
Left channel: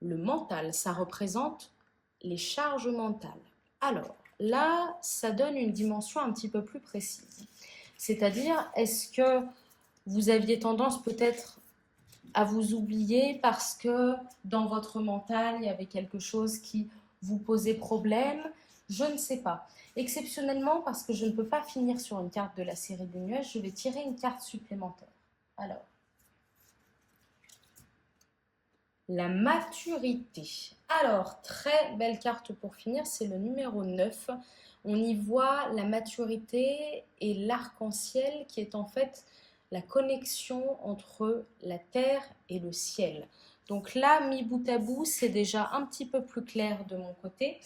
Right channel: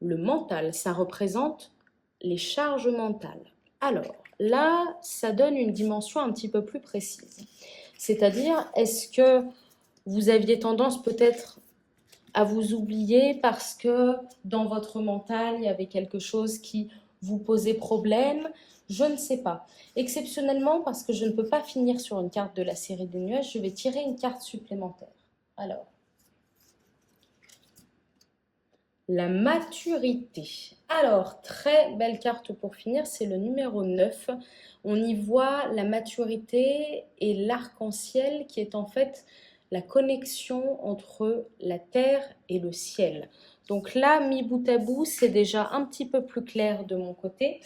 le mental. Ça représente les charges mentales. Alors, là, ça donne une dimension un petit peu plus précise. C'est-à-dire, est-ce que vous aviez tendance peut-être à vous oublier parce que dans votre mental, il y avait quelque chose qui vous posait problème? Je ne sais pas. Exceptionnellement, parce que je ne peux pas finir sur une carte de la série des nuages, je vais tirer une carte supplémentaire. Alors, la maturité. Alors, très belle carte pour finir, c'est le numéro 9. On y voit la maturité et l'arc-en-ciel qui est en fait la connexion entre la terre et le ciel. Donc là, mis bout à bout, c'est déjà un petit peu plus clair de mon côté.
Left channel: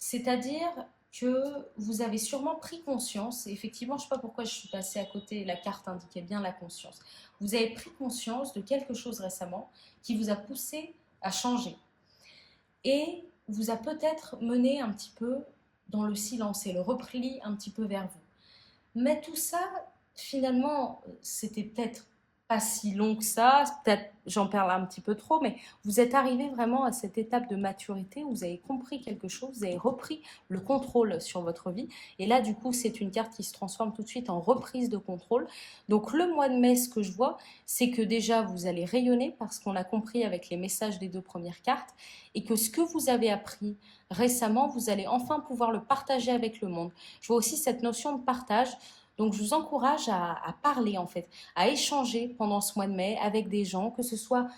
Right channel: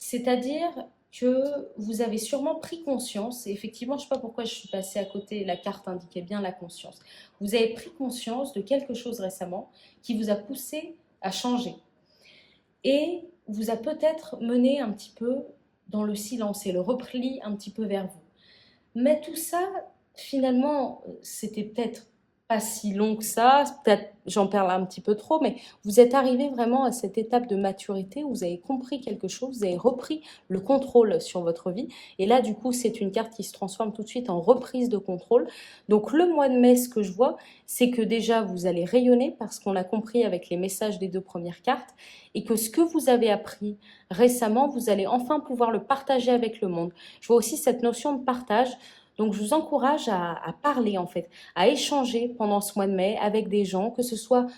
C'est-à-dire que vous avez sûrement pris conscience, et effectivement, je ne sais pas pourquoi je suis passée à côté, la carte indiquait bien la conscience. Vous avez pris conscience de quelque chose récemment qui vous a poussé à changer et vous a peut-être mené un petit peu dans le silence et le repli un petit peu vers vous. Mais tout ça, finalement, c'était peut-être pas si long que ça, peut-être j'en parle un petit peu trop, mais vous êtes arrivé vraiment à cette étape de maturité où vous avez compris quelque chose, vous avez repris le contrôle sur votre vie, et là du coup c'est une carte qui se transforme tout de suite en reprise de contrôle. Donc le mois de mai, ce que je vois, c'est que déjà vous allez rayonner parce qu'on a compris avec les messages des deux premières cartes, et que ce que vous avez appris récemment, vous allez enfin pouvoir le partager avec le monde. Je vois aussi cette notion de partage. Donc, je vous encourage à parler, en fait, à échanger pendant ce mois de mai avec des gens, que ce soit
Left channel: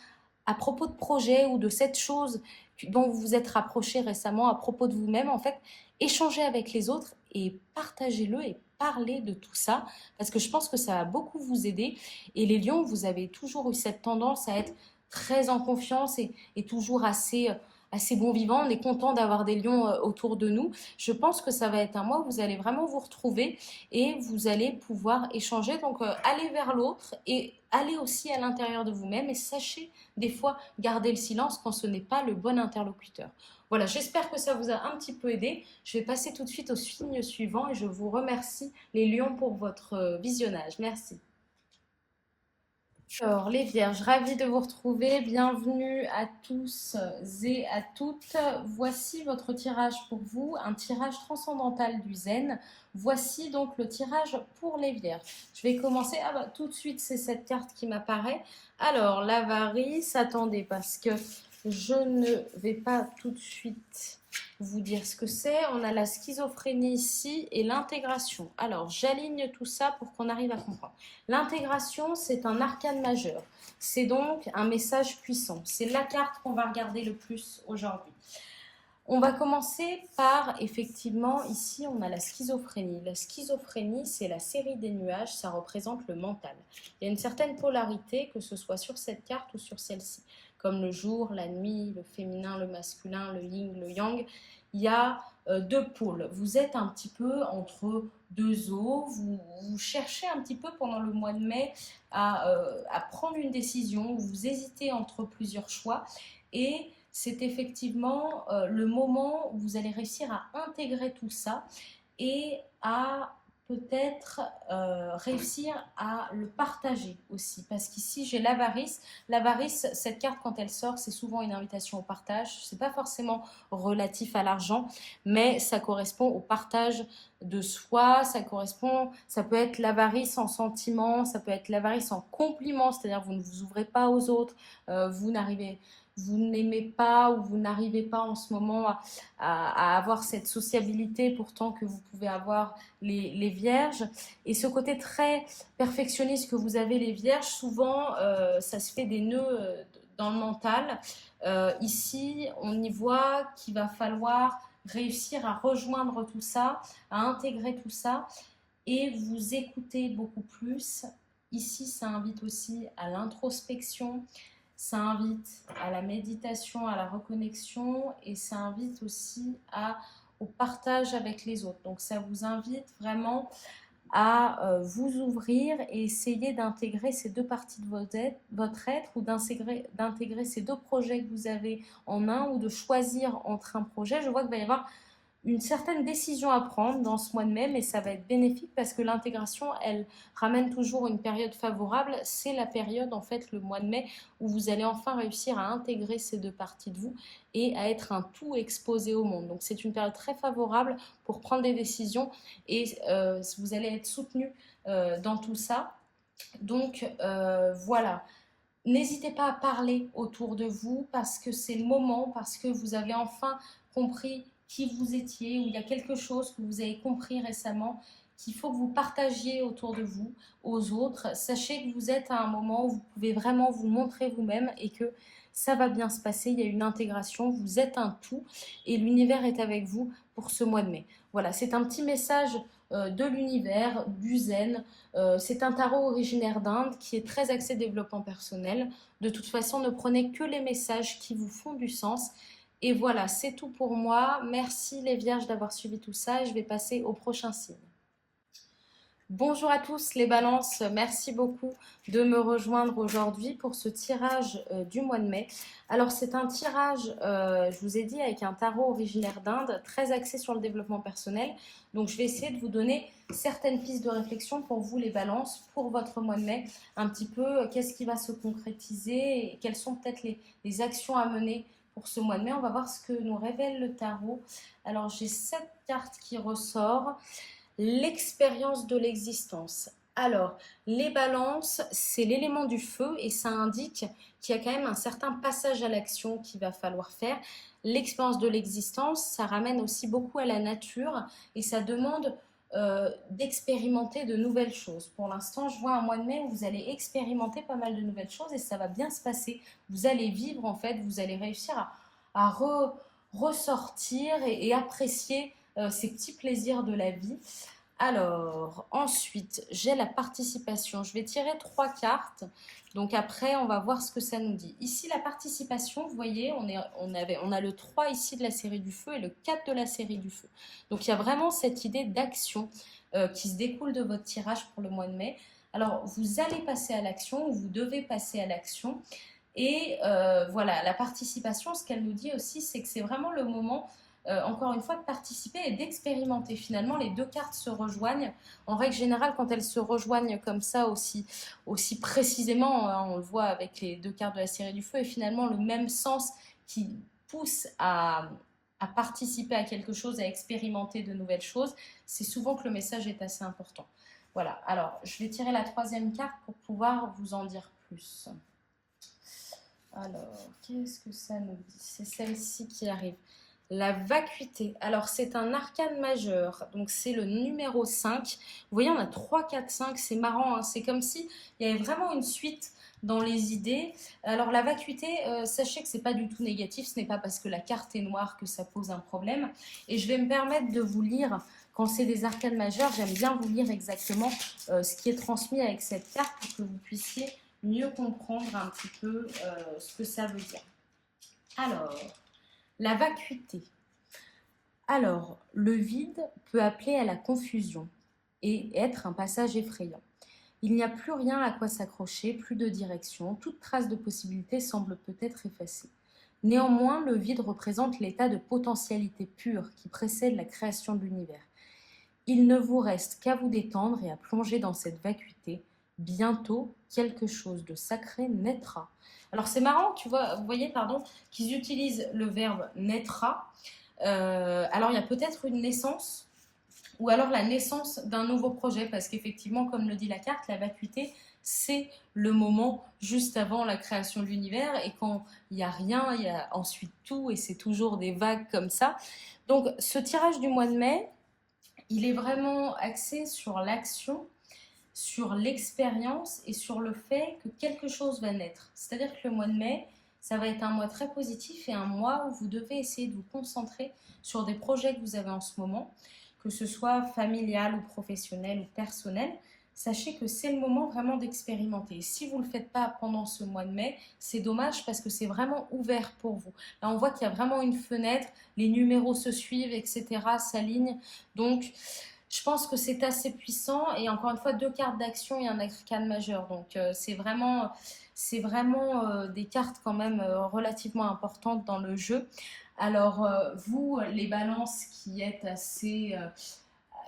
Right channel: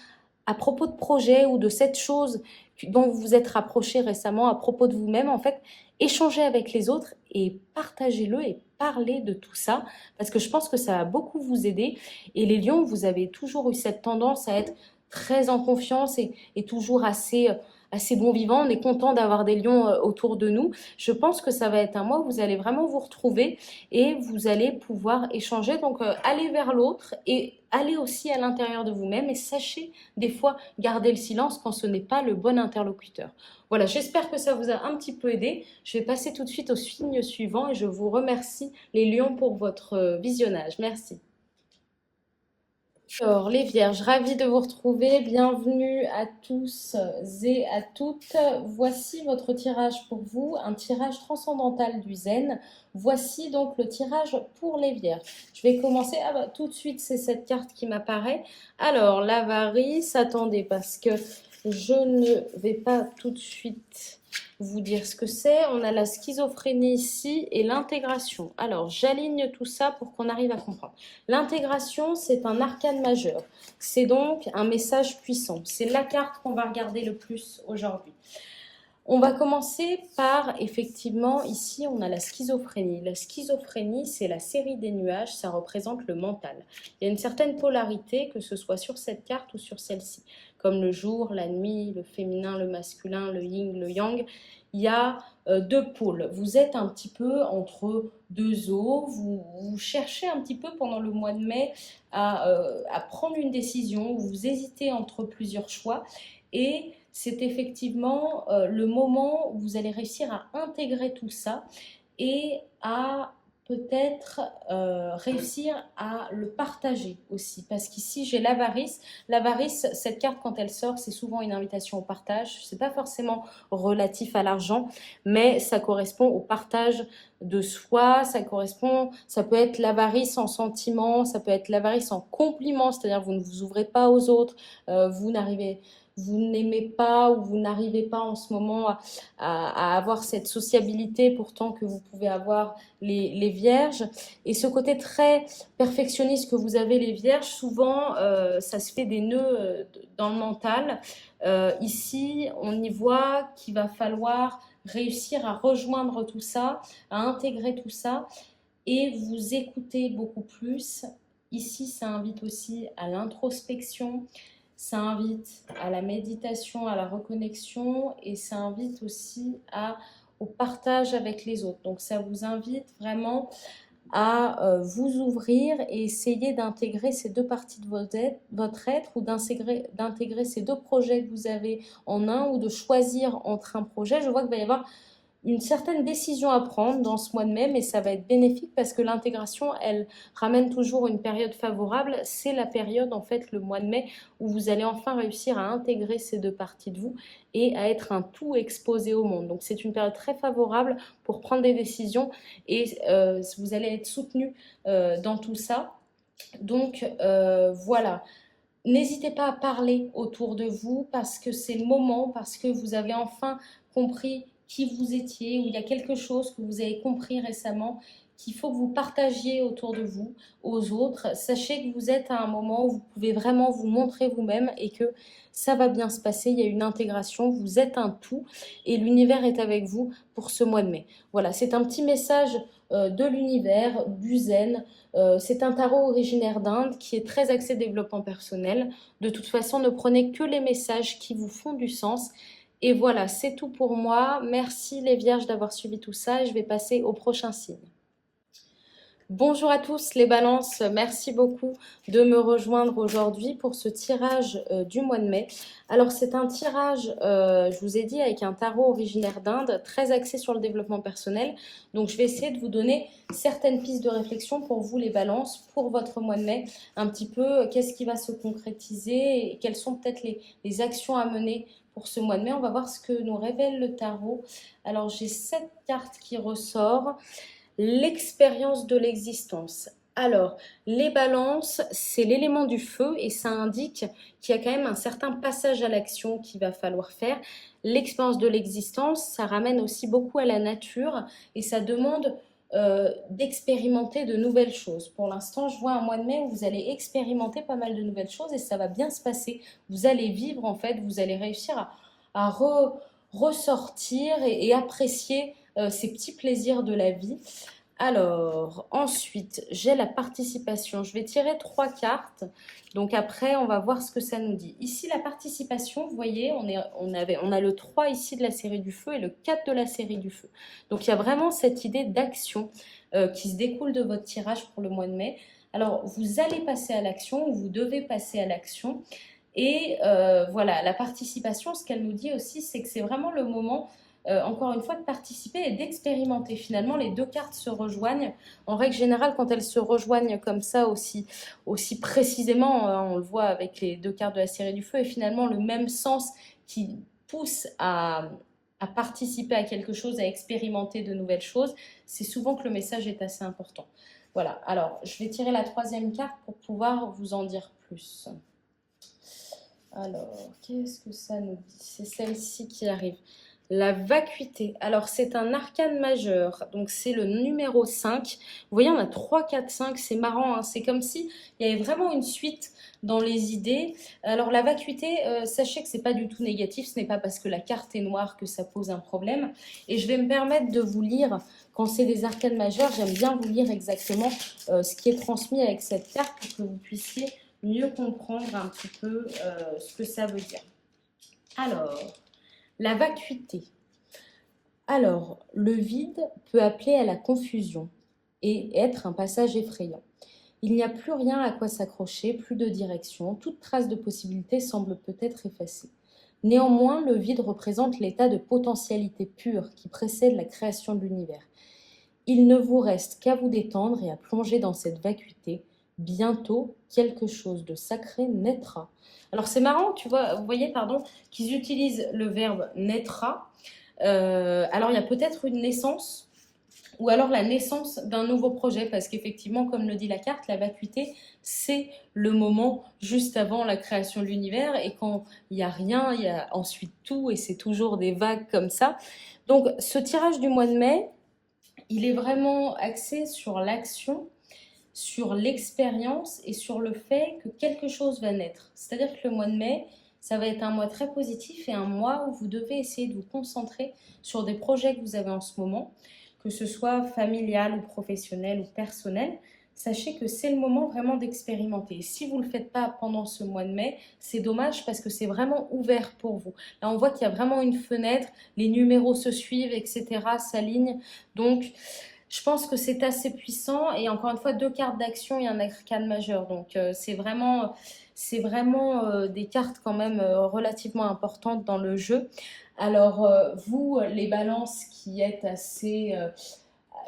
à propos de projets ou de cette chose dont vous vous êtes rapproché récemment, à propos de vous-même, en fait, échangez avec les autres et partagez-le et parlez de tout ça, parce que je pense que ça va beaucoup vous aider. Et les lions, vous avez toujours eu cette tendance à être très en confiance et toujours assez bon vivant. On est content d'avoir des lions autour de nous. Je pense que ça va être un mois où vous allez vraiment vous retrouver et vous allez pouvoir échanger. Donc, allez vers l'autre et allez aussi à l'intérieur de vous-même et sachez des fois garder le silence quand ce n'est pas le bon interlocuteur. Voilà, j'espère que ça vous a un petit peu aidé. Je vais passer tout de suite au signe suivant et je vous remercie les lions pour votre visionnage. Merci. Alors, les vierges, ravie de vous retrouver. Bienvenue à tous et à toutes. Voici votre tirage pour vous, un tirage transcendantal du zen. Voici donc le tirage pour les vierges. Je vais commencer. Ah bah, tout de suite, c'est cette carte qui m'apparaît. Alors, l'avarice, attendez, parce que je ne vais pas tout de suite vous dire ce que c'est. On a la schizophrénie ici et l'intégration. Alors, j'aligne tout ça pour qu'on arrive à comprendre. L'intégration, c'est un arcane majeur. C'est donc un message puissant. C'est la carte qu'on va regarder le plus aujourd'hui. On va commencer par, effectivement, ici, on a la schizophrénie. La schizophrénie, c'est la série des nuages, ça représente le mental. Il y a une certaine polarité, que ce soit sur cette carte ou sur celle-ci, comme le jour, la nuit, le féminin, le masculin, le yin, le yang. Il y a deux pôles. Vous êtes un petit peu entre deux eaux. Vous cherchez un petit peu pendant le mois de mai à prendre une décision. Vous hésitez entre plusieurs choix et c'est effectivement le moment où vous allez réussir à intégrer tout ça et à peut-être réussir à le partager aussi. Parce qu'ici, j'ai l'avarice. L'avarice, cette carte, quand elle sort, c'est souvent une invitation au partage. Ce n'est pas forcément relatif à l'argent, mais ça correspond au partage de soi, ça peut être l'avarice en sentiment, ça peut être l'avarice en compliment, c'est-à-dire vous ne vous ouvrez pas aux autres, vous n'aimez pas ou vous n'arrivez pas en ce moment à avoir cette sociabilité pourtant que vous pouvez avoir les vierges. Et ce côté très perfectionniste que vous avez les vierges, souvent ça se fait des nœuds dans le mental. Ici, on y voit qu'il va falloir réussir à rejoindre tout ça, à intégrer tout ça et vous écouter beaucoup plus. Ici, ça invite aussi à l'introspection. ça invite à la méditation, à la reconnexion et ça invite aussi au partage avec les autres. Donc ça vous invite vraiment à vous ouvrir et essayer d'intégrer ces deux parties de votre être ou d'intégrer ces deux projets que vous avez en un ou de choisir entre un projet. Je vois qu'il va y avoir une certaine décision à prendre dans ce mois de mai, mais ça va être bénéfique parce que l'intégration, elle ramène toujours une période favorable. C'est la période, en fait, le mois de mai, où vous allez enfin réussir à intégrer ces deux parties de vous et à être un tout exposé au monde. Donc c'est une période très favorable pour prendre des décisions et vous allez être soutenu dans tout ça. Donc voilà. N'hésitez pas à parler autour de vous parce que c'est le moment, parce que vous avez enfin compris qui vous étiez, ou il y a quelque chose que vous avez compris récemment qu'il faut que vous partagiez autour de vous aux autres. Sachez que vous êtes à un moment où vous pouvez vraiment vous montrer vous-même et que ça va bien se passer. Il y a une intégration, vous êtes un tout et l'univers est avec vous pour ce mois de mai. Voilà, c'est un petit message de l'univers, du zen. C'est un tarot originaire d'Inde qui est très axé développement personnel. De toute façon, ne prenez que les messages qui vous font du sens. Et voilà, c'est tout pour moi. Merci les vierges d'avoir suivi tout ça. Je vais passer au prochain signe. Bonjour à tous les balances, merci beaucoup de me rejoindre aujourd'hui pour ce tirage du mois de mai. Alors c'est un tirage, je vous ai dit, avec un tarot originaire d'Inde, très axé sur le développement personnel. Donc je vais essayer de vous donner certaines pistes de réflexion pour vous les balances, pour votre mois de mai. Un petit peu, qu'est-ce qui va se concrétiser et quelles sont peut-être les actions à mener pour ce mois de mai. On va voir ce que nous révèle le tarot. Alors j'ai 7 cartes qui ressortent. L'expérience de l'existence. Alors, les balances, c'est l'élément du feu et ça indique qu'il y a quand même un certain passage à l'action qu'il va falloir faire. L'expérience de l'existence, ça ramène aussi beaucoup à la nature et ça demande d'expérimenter de nouvelles choses. Pour l'instant, je vois un mois de mai où vous allez expérimenter pas mal de nouvelles choses et ça va bien se passer. Vous allez vivre en fait, vous allez réussir à ressortir et apprécier ces petits plaisirs de la vie. Alors, ensuite, j'ai la participation. Je vais tirer 3 cartes. Donc après, on va voir ce que ça nous dit. Ici, la participation, vous voyez, on a le 3 ici de la série du feu et le 4 de la série du feu. Donc il y a vraiment cette idée d'action qui se découle de votre tirage pour le mois de mai. Alors, vous allez passer à l'action ou vous devez passer à l'action. Et voilà, la participation, ce qu'elle nous dit aussi, c'est que c'est vraiment le moment, encore une fois, de participer et d'expérimenter. Finalement, les deux cartes se rejoignent. En règle générale, quand elles se rejoignent comme ça, aussi précisément, on le voit avec les deux cartes de la série du feu, et finalement le même sens qui pousse à participer à quelque chose, à expérimenter de nouvelles choses, c'est souvent que le message est assez important. Voilà, alors je vais tirer la 3e carte pour pouvoir vous en dire plus. Alors, qu'est-ce que ça nous dit? C'est celle-ci qui arrive. La vacuité. Alors, c'est un arcane majeur. Donc, c'est le numéro 5. Vous voyez, on a 3, 4, 5. C'est marrant, hein. C'est comme si il y avait vraiment une suite dans les idées. Alors, la vacuité, sachez que ce n'est pas du tout négatif. Ce n'est pas parce que la carte est noire que ça pose un problème. Et je vais me permettre de vous lire, quand c'est des arcanes majeurs, j'aime bien vous lire exactement ce qui est transmis avec cette carte pour que vous puissiez mieux comprendre un petit peu ce que ça veut dire. Alors, la vacuité. Alors, le vide peut appeler à la confusion et être un passage effrayant. Il n'y a plus rien à quoi s'accrocher, plus de direction, toute trace de possibilité semble peut-être effacée. Néanmoins, le vide représente l'état de potentialité pure qui précède la création de l'univers. Il ne vous reste qu'à vous détendre et à plonger dans cette vacuité. Bientôt, quelque chose de sacré naîtra. Alors c'est marrant, vous voyez, qu'ils utilisent le verbe naîtra. Alors il y a peut-être une naissance, ou alors la naissance d'un nouveau projet, parce qu'effectivement, comme le dit la carte, la vacuité, c'est le moment juste avant la création de l'univers, et quand il n'y a rien, il y a ensuite tout, et c'est toujours des vagues comme ça. Donc ce tirage du mois de mai, il est vraiment axé sur l'action, sur l'expérience et sur le fait que quelque chose va naître. C'est-à-dire que le mois de mai, ça va être un mois très positif et un mois où vous devez essayer de vous concentrer sur des projets que vous avez en ce moment, que ce soit familial ou professionnel ou personnel. sachez que c'est le moment vraiment d'expérimenter. Si vous ne le faites pas pendant ce mois de mai, c'est dommage parce que c'est vraiment ouvert pour vous. Là, on voit qu'il y a vraiment une fenêtre, les numéros se suivent, etc., s'alignent. Donc, je pense que c'est assez puissant. Et encore une fois, deux cartes d'action et un arcane majeur. Donc, c'est vraiment des cartes quand même relativement importantes dans le jeu. Alors, vous, les balances qui êtes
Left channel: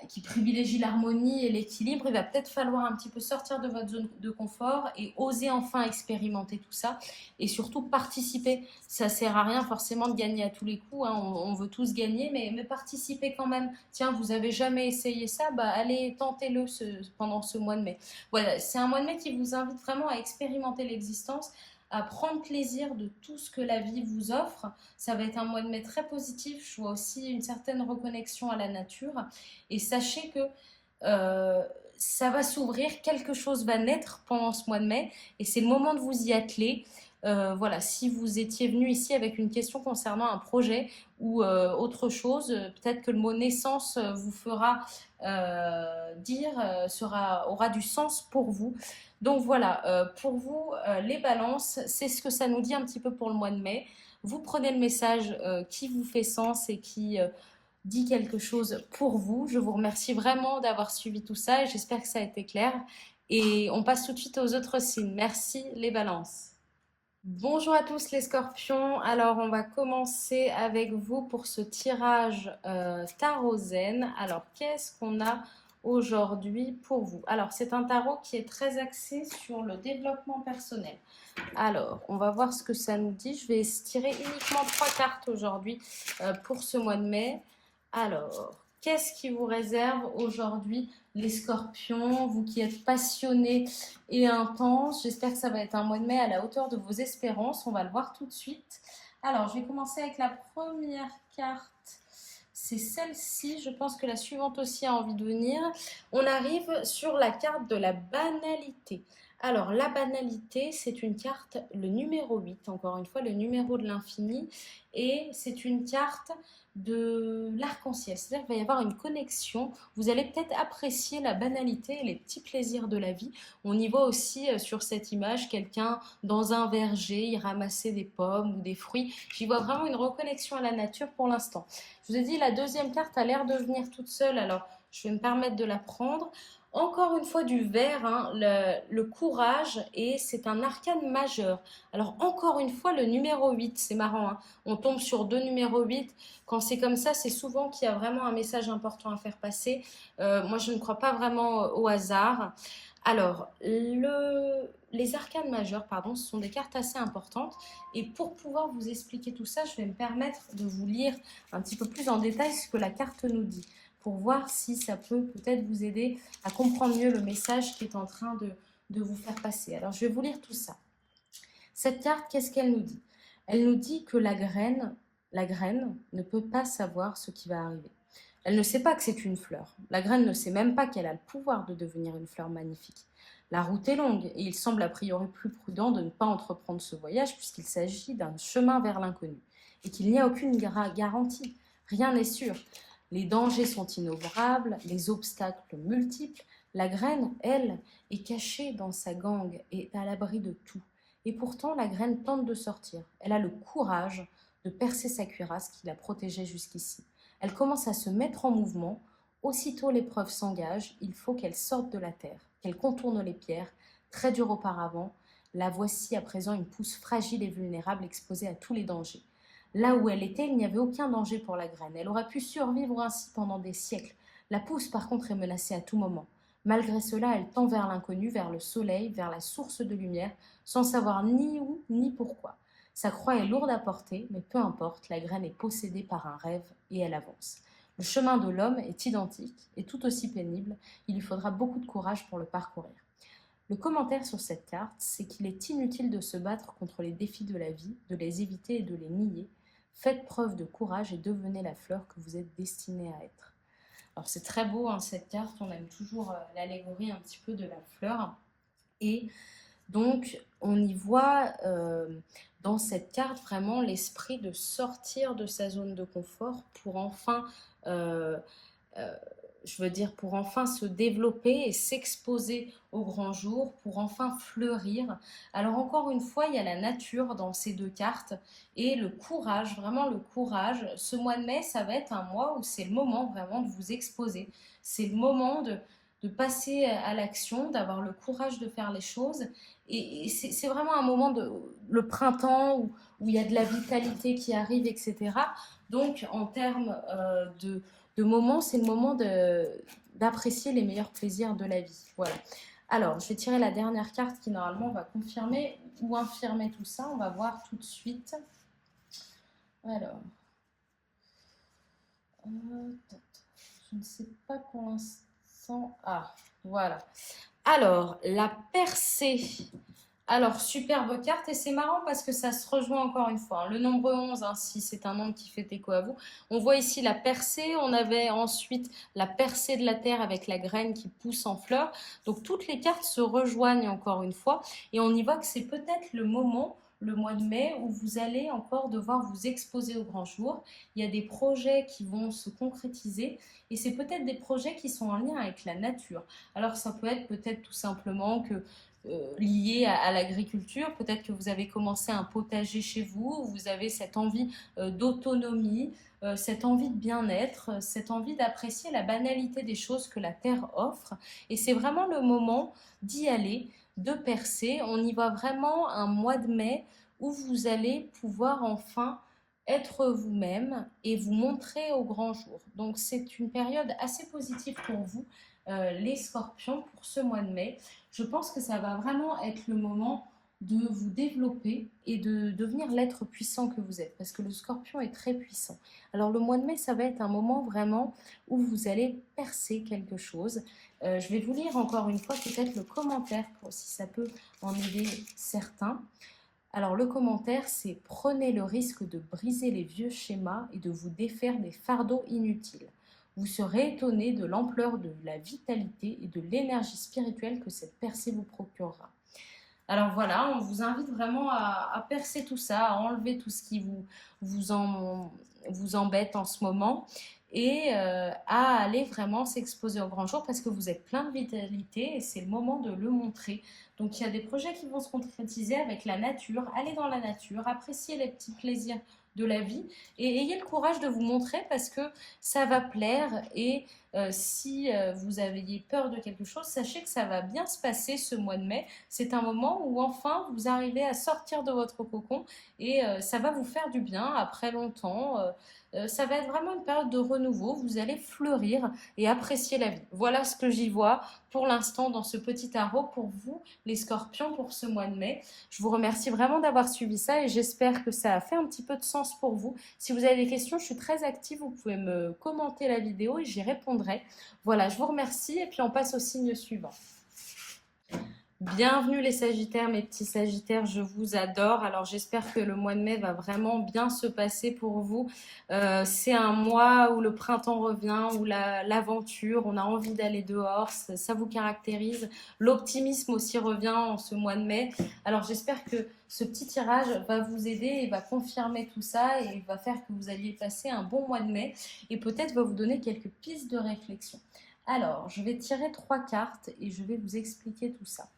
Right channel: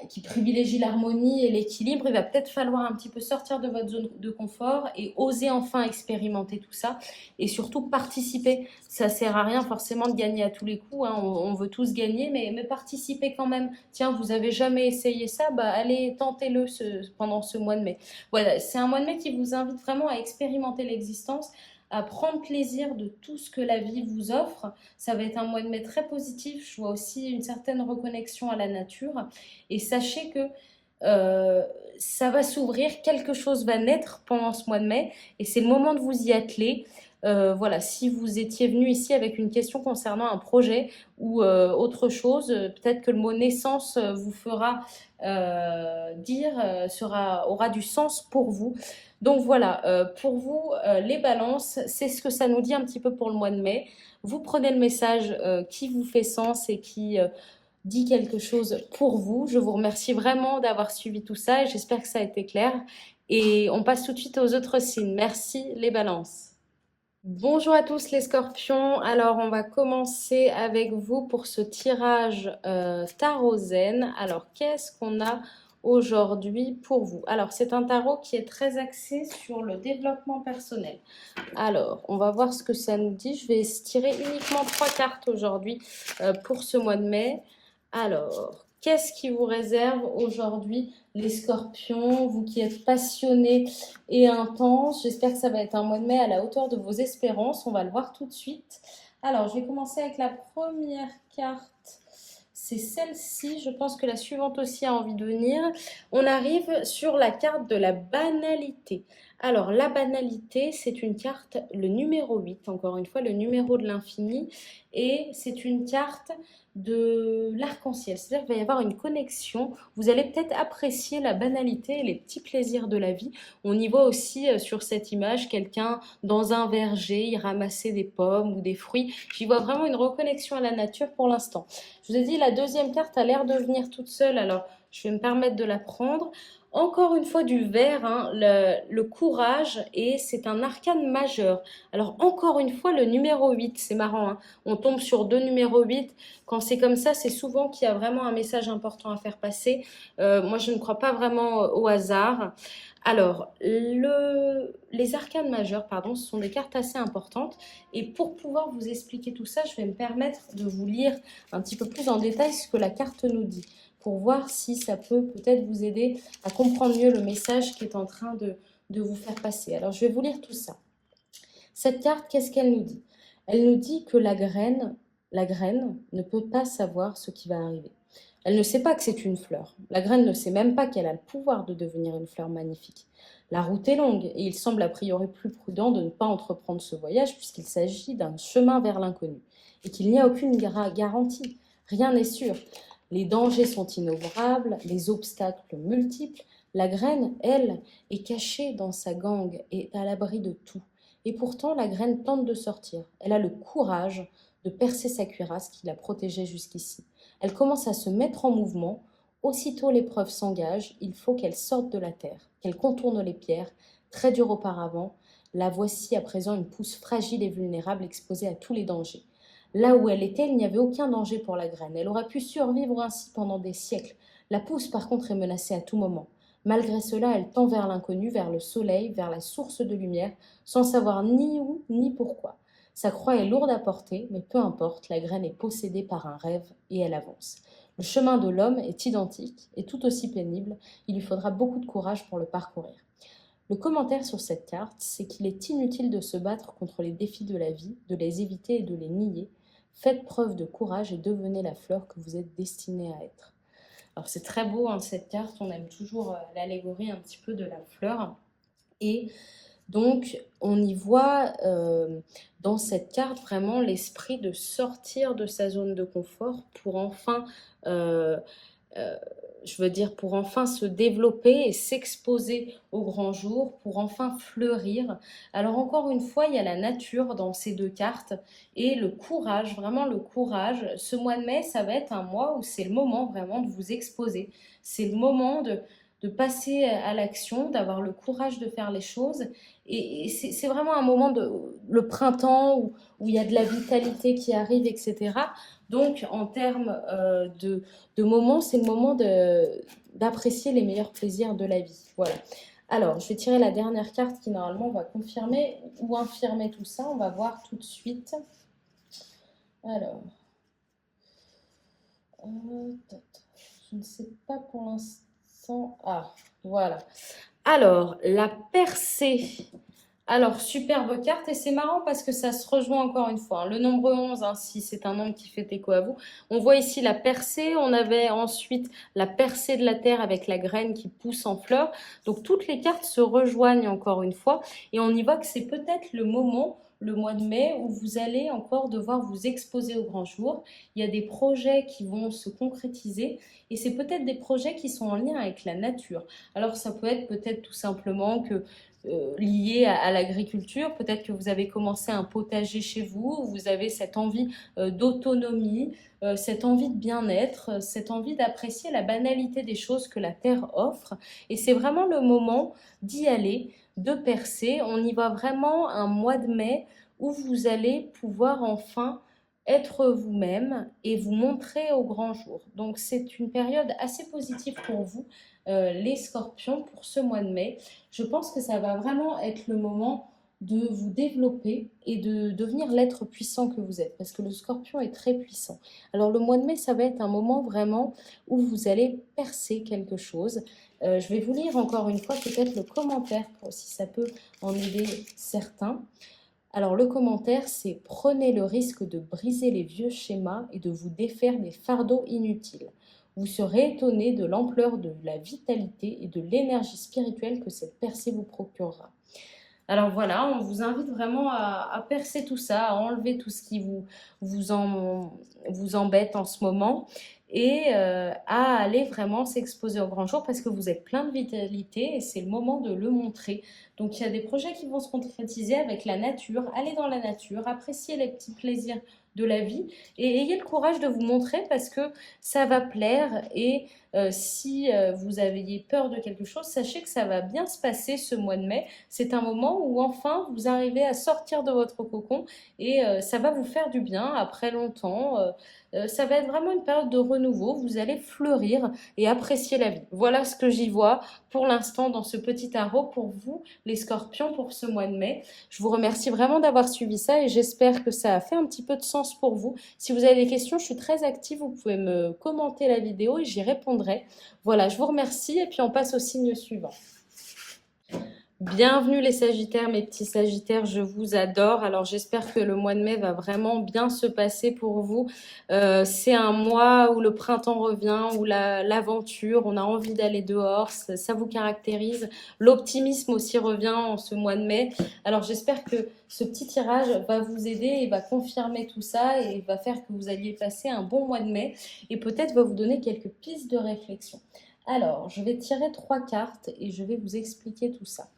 qui privilégie l'harmonie et l'équilibre, il va peut-être falloir un petit peu sortir de votre zone de confort et oser enfin expérimenter tout ça et surtout participer. Ça sert à rien forcément de gagner à tous les coups, hein. On veut tous gagner, mais participer quand même. Tiens, vous avez jamais essayé ça, bah allez, tentez-le pendant ce mois de mai. Voilà, c'est un mois de mai qui vous invite vraiment à expérimenter l'existence, à prendre plaisir de tout ce que la vie vous offre. Ça va être un mois de mai très positif. Je vois aussi une certaine reconnexion à la nature. Et sachez que euh, ça va s'ouvrir, quelque chose va naître pendant ce mois de mai et c'est le moment de vous y atteler. Voilà, si vous étiez venu ici avec une question concernant un projet ou autre chose, peut-être que le mot naissance vous fera aura du sens pour vous. Donc voilà, pour vous, les balances, c'est ce que ça nous dit un petit peu pour le mois de mai. Vous prenez le message qui vous fait sens et qui dit quelque chose pour vous. Je vous remercie vraiment d'avoir suivi tout ça et j'espère que ça a été clair. Et on passe tout de suite aux autres signes. Merci les balances. Bonjour à tous les scorpions. Alors on va commencer avec vous pour ce tirage tarot zen. Alors qu'est-ce qu'on a aujourd'hui pour vous? Alors c'est un tarot qui est très axé sur le développement personnel. Alors on va voir ce que ça nous dit. Je vais tirer uniquement 3 cartes aujourd'hui pour ce mois de mai. Alors, qu'est-ce qui vous réserve aujourd'hui les scorpions, vous qui êtes passionnés et intenses? J'espère que ça va être un mois de mai à la hauteur de vos espérances. On va le voir tout de suite. Alors, je vais commencer avec la première carte. C'est celle-ci. Je pense que la suivante aussi a envie de venir. On arrive sur la carte de la banalité. Alors, la banalité, c'est une carte, le numéro 8, encore une fois, le numéro de l'infini. Et c'est une carte de l'arc-en-ciel. C'est-à-dire qu'il va y avoir une connexion. Vous allez peut-être apprécier la banalité et les petits plaisirs de la vie. On y voit aussi sur cette image quelqu'un dans un verger, il ramassait des pommes ou des fruits. J'y vois vraiment une reconnexion à la nature pour l'instant. Je vous ai dit, la deuxième carte a l'air de venir toute seule, alors je vais me permettre de la prendre. Encore une fois du vert, hein, le courage, et c'est un arcane majeur. Alors encore une fois le numéro 8, c'est marrant, hein. On tombe sur deux numéros 8. Quand c'est comme ça, c'est souvent qu'il y a vraiment un message important à faire passer. Moi, je ne crois pas vraiment au hasard. Alors, les arcanes majeures, pardon, ce sont des cartes assez importantes. Et pour pouvoir vous expliquer tout ça, je vais me permettre de vous lire un petit peu plus en détail ce que la carte nous dit, pour voir si ça peut peut-être vous aider à comprendre mieux le message qui est en train de vous faire passer. Alors, je vais vous lire tout ça. Cette carte, qu'est-ce qu'elle nous dit? Elle nous dit que la graine ne peut pas savoir ce qui va arriver. Elle ne sait pas que c'est une fleur. La graine ne sait même pas qu'elle a le pouvoir de devenir une fleur magnifique. La route est longue et il semble a priori plus prudent de ne pas entreprendre ce voyage puisqu'il s'agit d'un chemin vers l'inconnu et qu'il n'y a aucune garantie. Rien n'est sûr. Les dangers sont innombrables, les obstacles multiples. La graine, elle, est cachée dans sa gangue et est à l'abri de tout. Et pourtant, la graine tente de sortir. Elle a le courage de percer sa cuirasse qui la protégeait jusqu'ici. Elle commence à se mettre en mouvement. Aussitôt l'épreuve s'engage, il faut qu'elle sorte de la terre, qu'elle contourne les pierres, très dures auparavant. La voici à présent une pousse fragile et vulnérable exposée à tous les dangers. Là où elle était, il n'y avait aucun danger pour la graine. Elle aurait pu survivre ainsi pendant des siècles. La pousse, par contre, est menacée à tout moment. Malgré cela, elle tend vers l'inconnu, vers le soleil, vers la source de lumière, sans savoir ni où ni pourquoi. Sa croix est lourde à porter, mais peu importe, la graine est possédée par un rêve et elle avance. Le chemin de l'homme est identique et tout aussi pénible, il lui faudra beaucoup de courage pour le parcourir. Le commentaire sur cette carte, c'est qu'il est inutile de se battre contre les défis de la vie, de les éviter et de les nier. Faites preuve de courage et devenez la fleur que vous êtes destiné à être. Alors c'est très beau, hein, cette carte, on aime toujours l'allégorie un petit peu de la fleur. Et donc on y voit dans cette carte vraiment l'esprit de sortir de sa zone de confort pour enfin je veux dire, pour enfin se développer et s'exposer au grand jour, pour enfin fleurir. Alors encore une fois, il y a la nature dans ces deux cartes et le courage, vraiment le courage. Ce mois de mai, ça va être un mois où c'est le moment vraiment de vous exposer. C'est le moment de passer à l'action, d'avoir le courage de faire les choses. Et c'est vraiment un moment de le printemps où il y a de la vitalité qui arrive, etc. Donc, en termes de moments, c'est le moment d'apprécier les meilleurs plaisirs de la vie. Voilà. Alors, je vais tirer la dernière carte qui normalement va confirmer ou infirmer tout ça. On va voir tout de suite. Alors, je ne sais pas pour l'instant. Ah, voilà. Alors, la percée. Alors, superbe carte et c'est marrant parce que ça se rejoint encore une fois, hein. Le nombre 11, hein, si c'est un nombre qui fait écho à vous. On voit ici la percée, on avait ensuite la percée de la terre avec la graine qui pousse en fleurs. Donc, toutes les cartes se rejoignent encore une fois et on y voit que c'est peut-être le moment, le mois de mai, où vous allez encore devoir vous exposer au grand jour. Il y a des projets qui vont se concrétiser et c'est peut-être des projets qui sont en lien avec la nature. Alors, ça peut être peut-être tout simplement que lié à l'agriculture. Peut-être que vous avez commencé un potager chez vous, vous avez cette envie d'autonomie, cette envie de bien-être, cette envie d'apprécier la banalité des choses que la terre offre. Et c'est vraiment le moment d'y aller, de percer. On y va vraiment un mois de mai où vous allez pouvoir enfin être vous-même et vous montrer au grand jour. Donc c'est une période assez positive pour vous, les scorpions, pour ce mois de mai. Je pense que ça va vraiment être le moment de vous développer et de devenir l'être puissant que vous êtes, parce que le scorpion est très puissant. Alors le mois de mai, ça va être un moment vraiment où vous allez percer quelque chose. Je vais vous lire encore une fois peut-être le commentaire, si ça peut en aider certains. Alors le commentaire, c'est « Prenez le risque de briser les vieux schémas et de vous défaire des fardeaux inutiles. Vous serez étonné de l'ampleur de la vitalité et de l'énergie spirituelle que cette percée vous procurera. » Alors voilà, on vous invite vraiment à percer tout ça, à enlever tout ce qui vous embête en ce moment et à aller vraiment s'exposer au grand jour parce que vous êtes plein de vitalité et c'est le moment de le montrer. Donc il y a des projets qui vont se concrétiser avec la nature. Allez dans la nature, appréciez les petits plaisirs de la vie et ayez le courage de vous montrer parce que ça va plaire et si vous aviez peur de quelque chose, sachez que ça va bien se passer ce mois de mai. C'est un moment où enfin vous arrivez à sortir de votre cocon et ça va vous faire du bien après longtemps. Ça va être vraiment une période de renouveau. Vous allez fleurir et apprécier la vie. Voilà ce que j'y vois pour l'instant dans ce petit tarot pour vous, les scorpions, pour ce mois de mai. Je vous remercie vraiment d'avoir suivi ça et j'espère que ça a fait un petit peu de sens pour vous. Si vous avez des questions, je suis très active. Vous pouvez me commenter la vidéo et j'y répondrai. Voilà, je vous remercie et puis on passe au signe suivant. Bienvenue les Sagittaires, mes petits Sagittaires, je vous adore. Alors j'espère que le mois de mai va vraiment bien se passer pour vous. C'est un mois où le printemps revient, où l'aventure, on a envie d'aller dehors, ça vous caractérise. L'optimisme aussi revient en ce mois de mai. Alors j'espère que ce petit tirage va vous aider et va confirmer tout ça et va faire que vous alliez passer un bon mois de mai et peut-être va vous donner quelques pistes de réflexion. Alors, je vais tirer 3 cartes et je vais vous expliquer tout ça.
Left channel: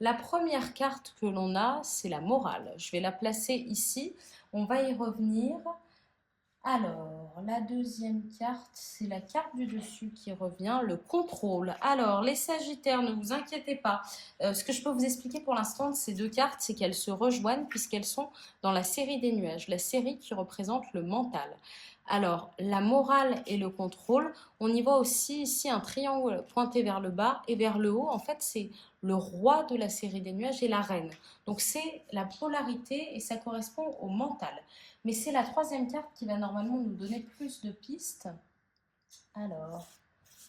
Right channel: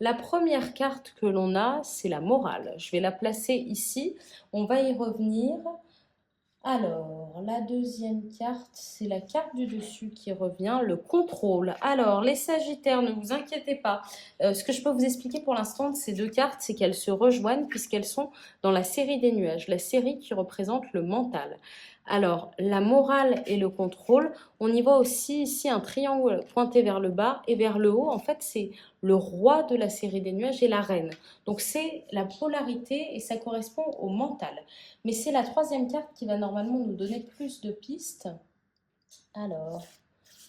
La première carte que l'on a, c'est la morale. Je vais la placer ici. On va y revenir. Alors, la deuxième carte, c'est la carte du dessus qui revient, le contrôle. Alors, les Sagittaires, ne vous inquiétez pas. Ce que je peux vous expliquer pour l'instant de ces deux cartes, c'est qu'elles se rejoignent puisqu'elles sont dans la série des nuages, la série qui représente le mental. Alors, la morale et le contrôle, on y voit aussi ici un triangle pointé vers le bas et vers le haut. En fait, c'est le roi de la série des nuages et la reine. Donc, c'est la polarité et ça correspond au mental. Mais c'est la troisième carte qui va normalement nous donner plus de pistes. Alors,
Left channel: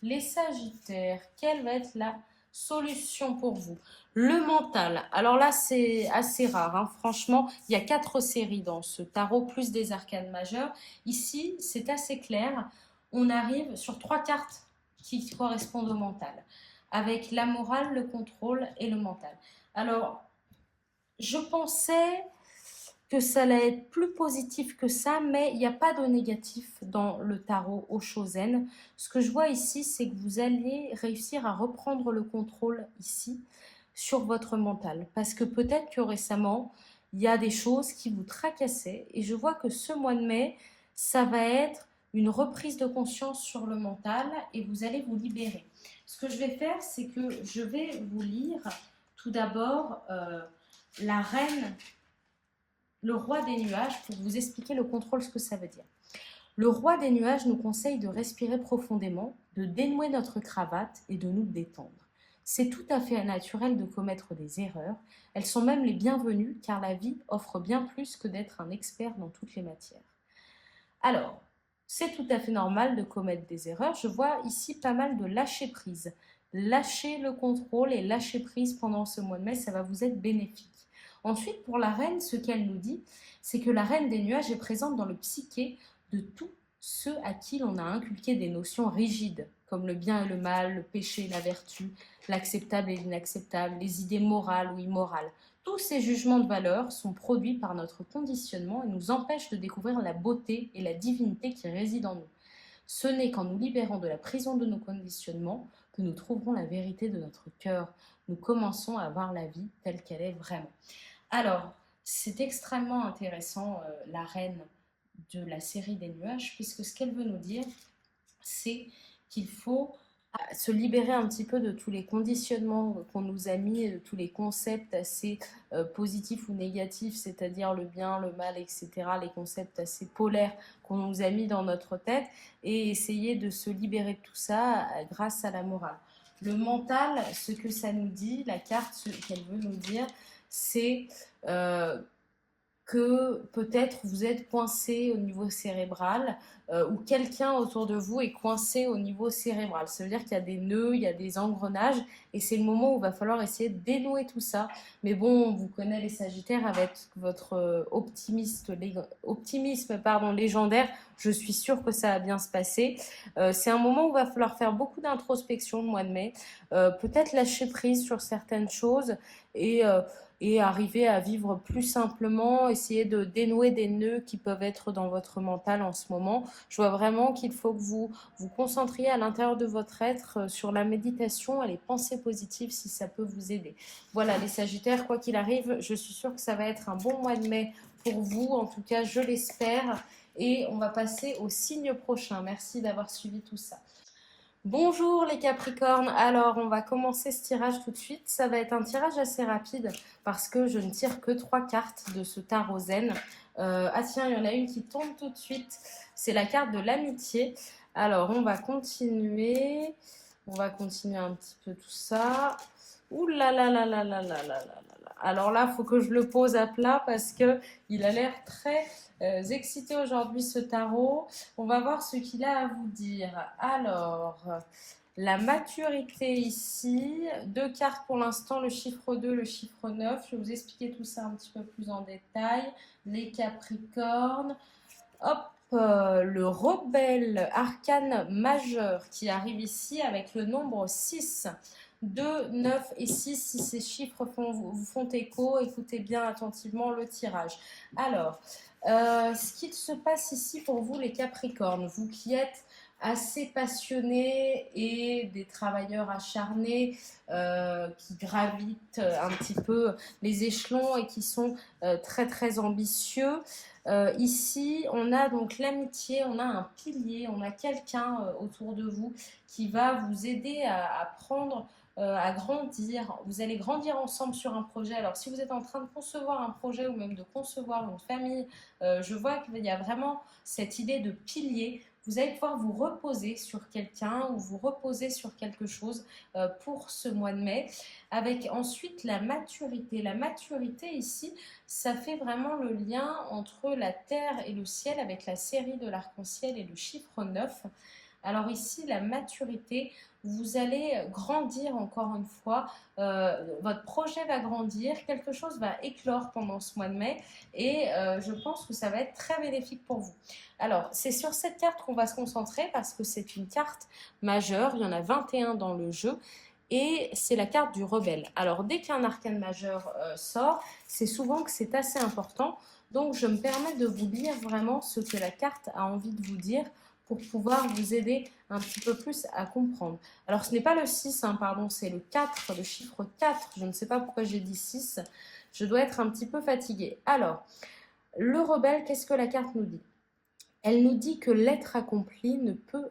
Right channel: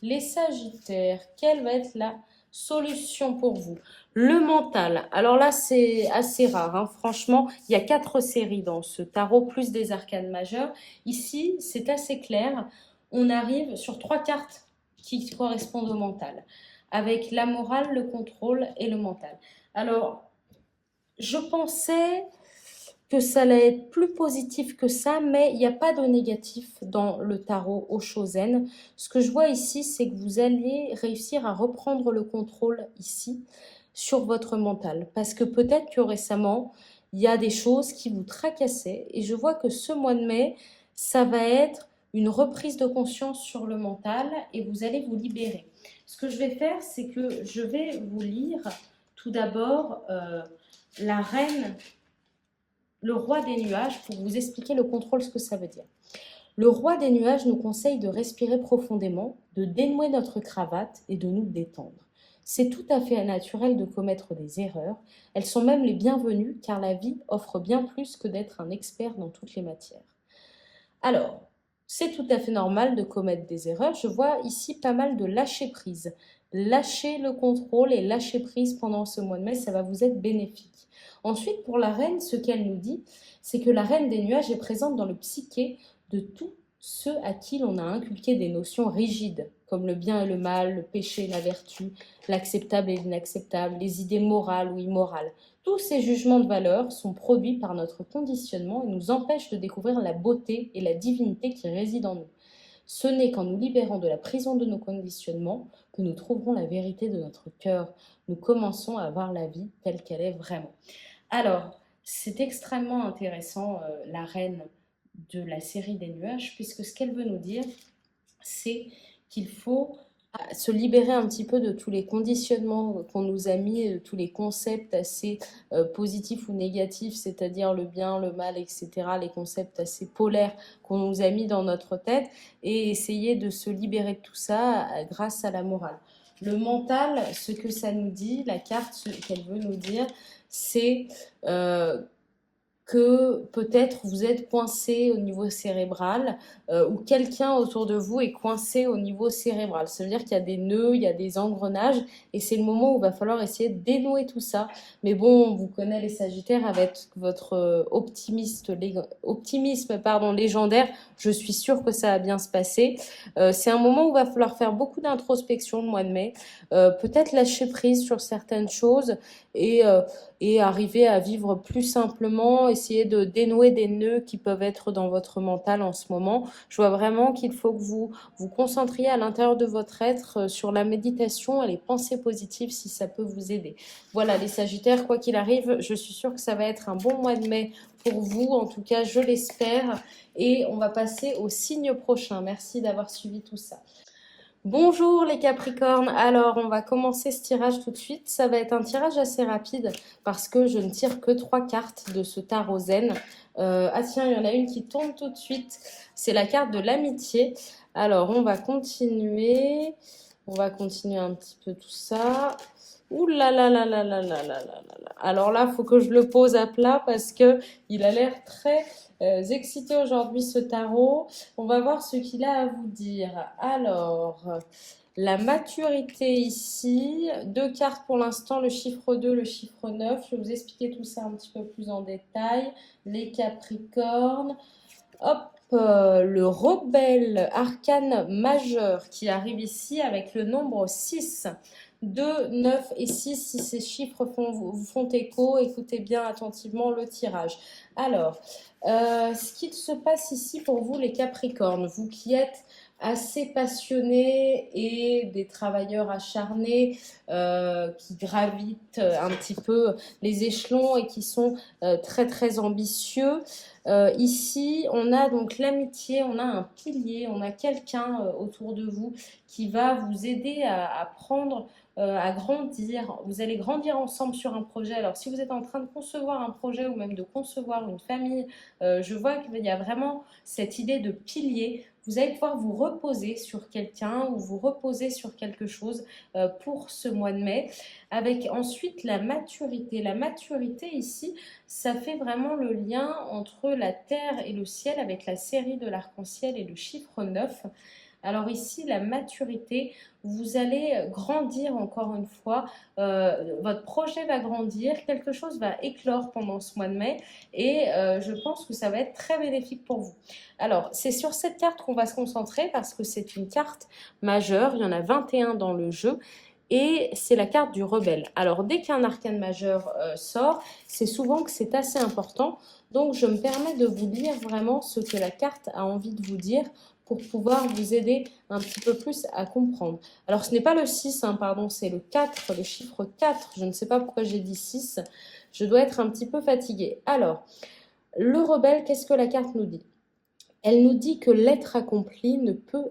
les Sagittaires, quelle va être la solution pour vous? Le mental. Alors là, c'est assez rare, hein. Franchement, il y a 4 séries dans ce tarot, plus des arcanes majeures. Ici, c'est assez clair. On arrive sur 3 cartes qui correspondent au mental, avec la morale, le contrôle et le mental. Alors, je pensais que ça allait être plus positif que ça, mais il n'y a pas de négatif dans le tarot Oshozen. Ce que je vois ici, c'est que vous allez réussir à reprendre le contrôle ici sur votre mental. Parce que peut-être que récemment, il y a des choses qui vous tracassaient. Et je vois que ce mois de mai, ça va être une reprise de conscience sur le mental et vous allez vous libérer. Ce que je vais faire, c'est que je vais vous lire tout d'abord la reine, le roi des nuages, pour vous expliquer le contrôle, ce que ça veut dire. Le roi des nuages nous conseille de respirer profondément, de dénouer notre cravate et de nous détendre. C'est tout à fait naturel de commettre des erreurs. Elles sont même les bienvenues car la vie offre bien plus que d'être un expert dans toutes les matières. Alors, c'est tout à fait normal de commettre des erreurs. Je vois ici pas mal de lâcher prise. Lâcher le contrôle et lâcher prise pendant ce mois de mai, ça va vous être bénéfique. Ensuite, pour la reine, ce qu'elle nous dit, c'est que la reine des nuages est présente dans le psyché de tous ceux à qui l'on a inculqué des notions rigides, comme le bien et le mal, le péché et la vertu, l'acceptable et l'inacceptable, les idées morales ou immorales. Tous ces jugements de valeur sont produits par notre conditionnement et nous empêchent de découvrir la beauté et la divinité qui résident en nous. Ce n'est qu'en nous libérant de la prison de nos conditionnements que nous trouverons la vérité de notre cœur. Nous commençons à voir la vie telle qu'elle est vraiment. Alors, c'est extrêmement intéressant, la reine de la série des nuages, puisque ce qu'elle veut nous dire, c'est qu'il faut se libérer un petit peu de tous les conditionnements qu'on nous a mis, de tous les concepts assez positifs ou négatifs, c'est-à-dire le bien, le mal, etc., les concepts assez polaires qu'on nous a mis dans notre tête, et essayer de se libérer de tout ça grâce à la morale. Le mental, ce que ça nous dit, la carte, ce qu'elle veut nous dire, c'est que peut-être vous êtes coincé au niveau cérébral ou quelqu'un autour de vous est coincé au niveau cérébral. Ça veut dire qu'il y a des nœuds, il y a des engrenages et c'est le moment où il va falloir essayer de dénouer tout ça. Mais bon, on vous connaît les Sagittaires avec votre optimisme légendaire. Je suis sûre que ça va bien se passer. C'est un moment où il va falloir faire beaucoup d'introspection le mois de mai. Peut-être lâcher prise sur certaines choses et arriver à vivre plus simplement, essayer de dénouer des nœuds qui peuvent être dans votre mental en ce moment. Je vois vraiment qu'il faut que vous vous concentriez à l'intérieur de votre être sur la méditation et les pensées positives si ça peut vous aider. Voilà les Sagittaires, quoi qu'il arrive, je suis sûre que ça va être un bon mois de mai pour vous, en tout cas je l'espère. Et on va passer au signe prochain. Merci d'avoir suivi tout ça. Bonjour les Capricornes, alors on va commencer ce tirage tout de suite. Ça va être un tirage assez rapide parce que je ne tire que 3 cartes de ce tarot zen. Ah tiens, il y en a une qui tombe tout de suite, c'est la carte de l'amitié. Alors on va continuer un petit peu tout ça. Ouh là là là là là là là là là. Alors là, il faut que je le pose à plat parce que il a l'air très excité aujourd'hui ce tarot. On va voir ce qu'il a à vous dire. Alors, la maturité ici, 2 cartes pour l'instant, le chiffre 2, le chiffre 9. Je vais vous expliquer tout ça un petit peu plus en détail. Les Capricornes. Hop, le rebelle arcane majeur qui arrive ici avec le nombre 6. 2, 9 et 6, si ces chiffres vous font écho, écoutez bien attentivement le tirage. Alors, ce qu'il se passe ici pour vous les Capricornes, vous qui êtes assez passionnés et des travailleurs acharnés qui gravitent un petit peu les échelons et qui sont très très ambitieux. Ici, on a donc l'amitié, on a un pilier, on a quelqu'un autour de vous qui va vous aider à prendre à grandir. Vous allez grandir ensemble sur un projet. Alors, si vous êtes en train de concevoir un projet ou même de concevoir une famille, je vois qu'il y a vraiment cette idée de pilier. Vous allez pouvoir vous reposer sur quelqu'un ou vous reposer sur quelque chose pour ce mois de mai. Avec ensuite la maturité. La maturité ici, ça fait vraiment le lien entre la terre et le ciel avec la série de l'arc-en-ciel et le chiffre 9. Alors ici, la maturité, vous allez grandir encore une fois, votre projet va grandir, quelque chose va éclore pendant ce mois de mai et je pense que ça va être très bénéfique pour vous. Alors, c'est sur cette carte qu'on va se concentrer parce que c'est une carte majeure, il y en a 21 dans le jeu et c'est la carte du rebelle. Alors, dès qu'un arcane majeur sort, c'est souvent que c'est assez important. Donc, je me permets de vous lire vraiment ce que la carte a envie de vous dire pour pouvoir vous aider un petit peu plus à comprendre. Alors, ce n'est pas le 6, hein, pardon, c'est le 4, le chiffre 4. Je ne sais pas pourquoi j'ai dit 6. Je dois être un petit peu fatiguée. Alors, le rebelle, qu'est-ce que la carte nous dit? Elle nous dit que l'être accompli ne peut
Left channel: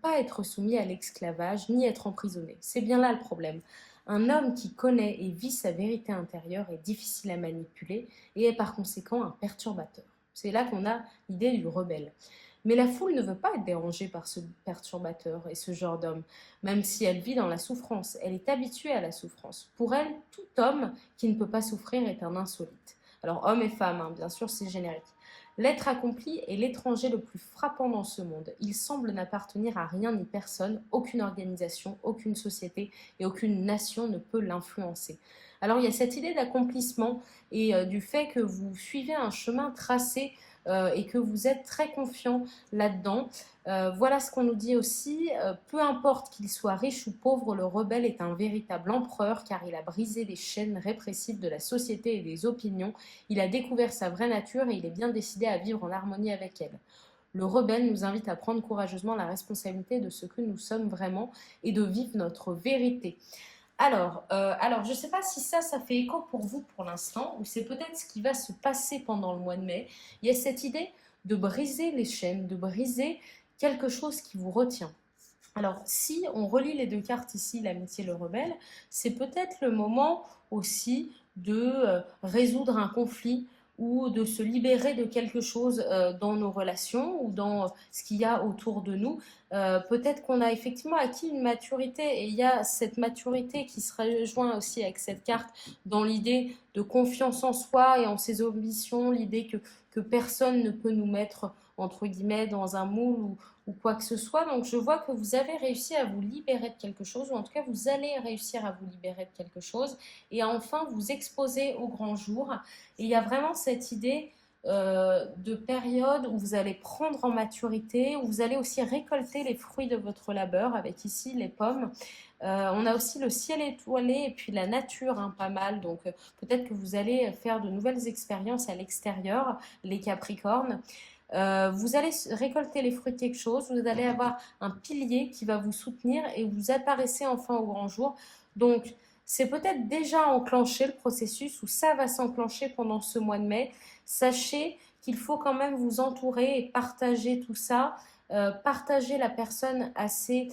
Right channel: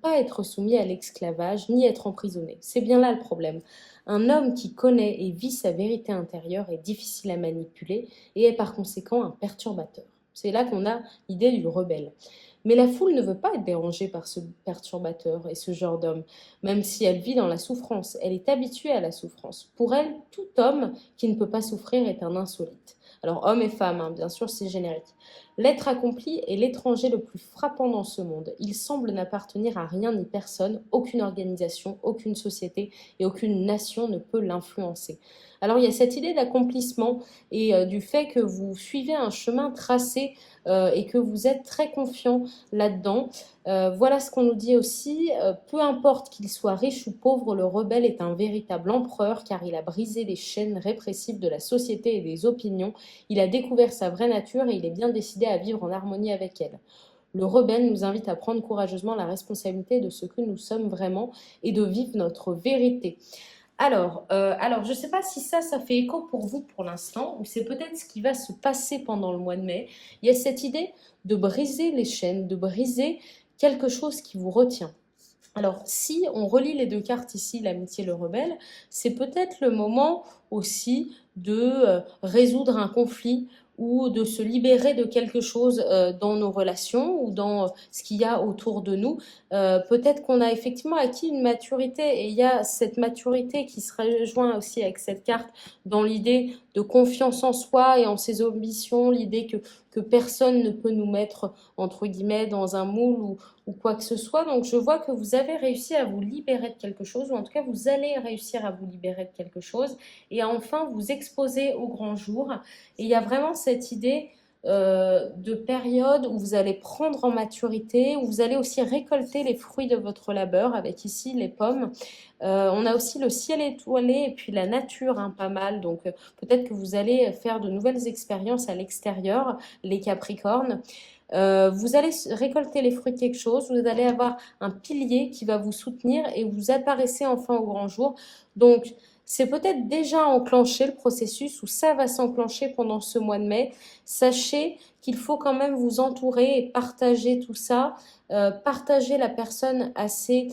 pas être soumis à l'esclavage ni être emprisonné. C'est bien là le problème. Un homme qui connaît et vit sa vérité intérieure est difficile à manipuler et est par conséquent un perturbateur. C'est là qu'on a l'idée du rebelle. Mais la foule ne veut pas être dérangée par ce perturbateur et ce genre d'homme, même si elle vit dans la souffrance. Elle est habituée à la souffrance. Pour elle, tout homme qui ne peut pas souffrir est un insolite. Alors, homme et femme, hein, bien sûr, c'est générique. L'être accompli est l'étranger le plus frappant dans ce monde. Il semble n'appartenir à rien ni personne, aucune organisation, aucune société et aucune nation ne peut l'influencer. Alors il y a cette idée d'accomplissement et du fait que vous suivez un chemin tracé et que vous êtes très confiant là-dedans. Voilà ce qu'on nous dit aussi. Peu importe qu'il soit riche ou pauvre, le rebelle est un véritable empereur car il a brisé les chaînes répressives de la société et des opinions. Il a découvert sa vraie nature et il est bien décidé à vivre en harmonie avec elle. Le rebelle nous invite à prendre courageusement la responsabilité de ce que nous sommes vraiment et de vivre notre vérité. Alors je ne sais pas si ça fait écho pour vous pour l'instant, ou c'est peut-être ce qui va se passer pendant le mois de mai. Il y a cette idée de briser les chaînes, de briser quelque chose qui vous retient. Alors, si on relie les deux cartes ici, l'amitié et le rebelle, c'est peut-être le moment aussi de résoudre un conflit ou de se libérer de quelque chose dans nos relations ou dans ce qu'il y a autour de nous. Peut-être qu'on a effectivement acquis une maturité et il y a cette maturité qui se rejoint aussi avec cette carte dans l'idée de confiance en soi et en ses ambitions, l'idée que personne ne peut nous mettre entre guillemets dans un moule ou quoi que ce soit. Donc je vois que vous avez réussi à vous libérer de quelque chose, ou en tout cas vous allez réussir à vous libérer de quelque chose et à enfin vous exposer au grand jour. Et il y a vraiment cette idée de période où vous allez prendre en maturité, où vous allez aussi récolter les fruits de votre labeur, avec ici les pommes. On a aussi le ciel étoilé et puis la nature, hein, pas mal. Donc peut-être que vous allez faire de nouvelles expériences à l'extérieur, les Capricornes. Vous allez récolter les fruits de quelque chose, vous allez avoir un pilier qui va vous soutenir et vous apparaissez enfin au grand jour. Donc, c'est peut-être déjà enclenché le processus ou ça va s'enclencher pendant ce mois de mai. Sachez qu'il faut quand même vous entourer et partager tout ça, partager la personne assez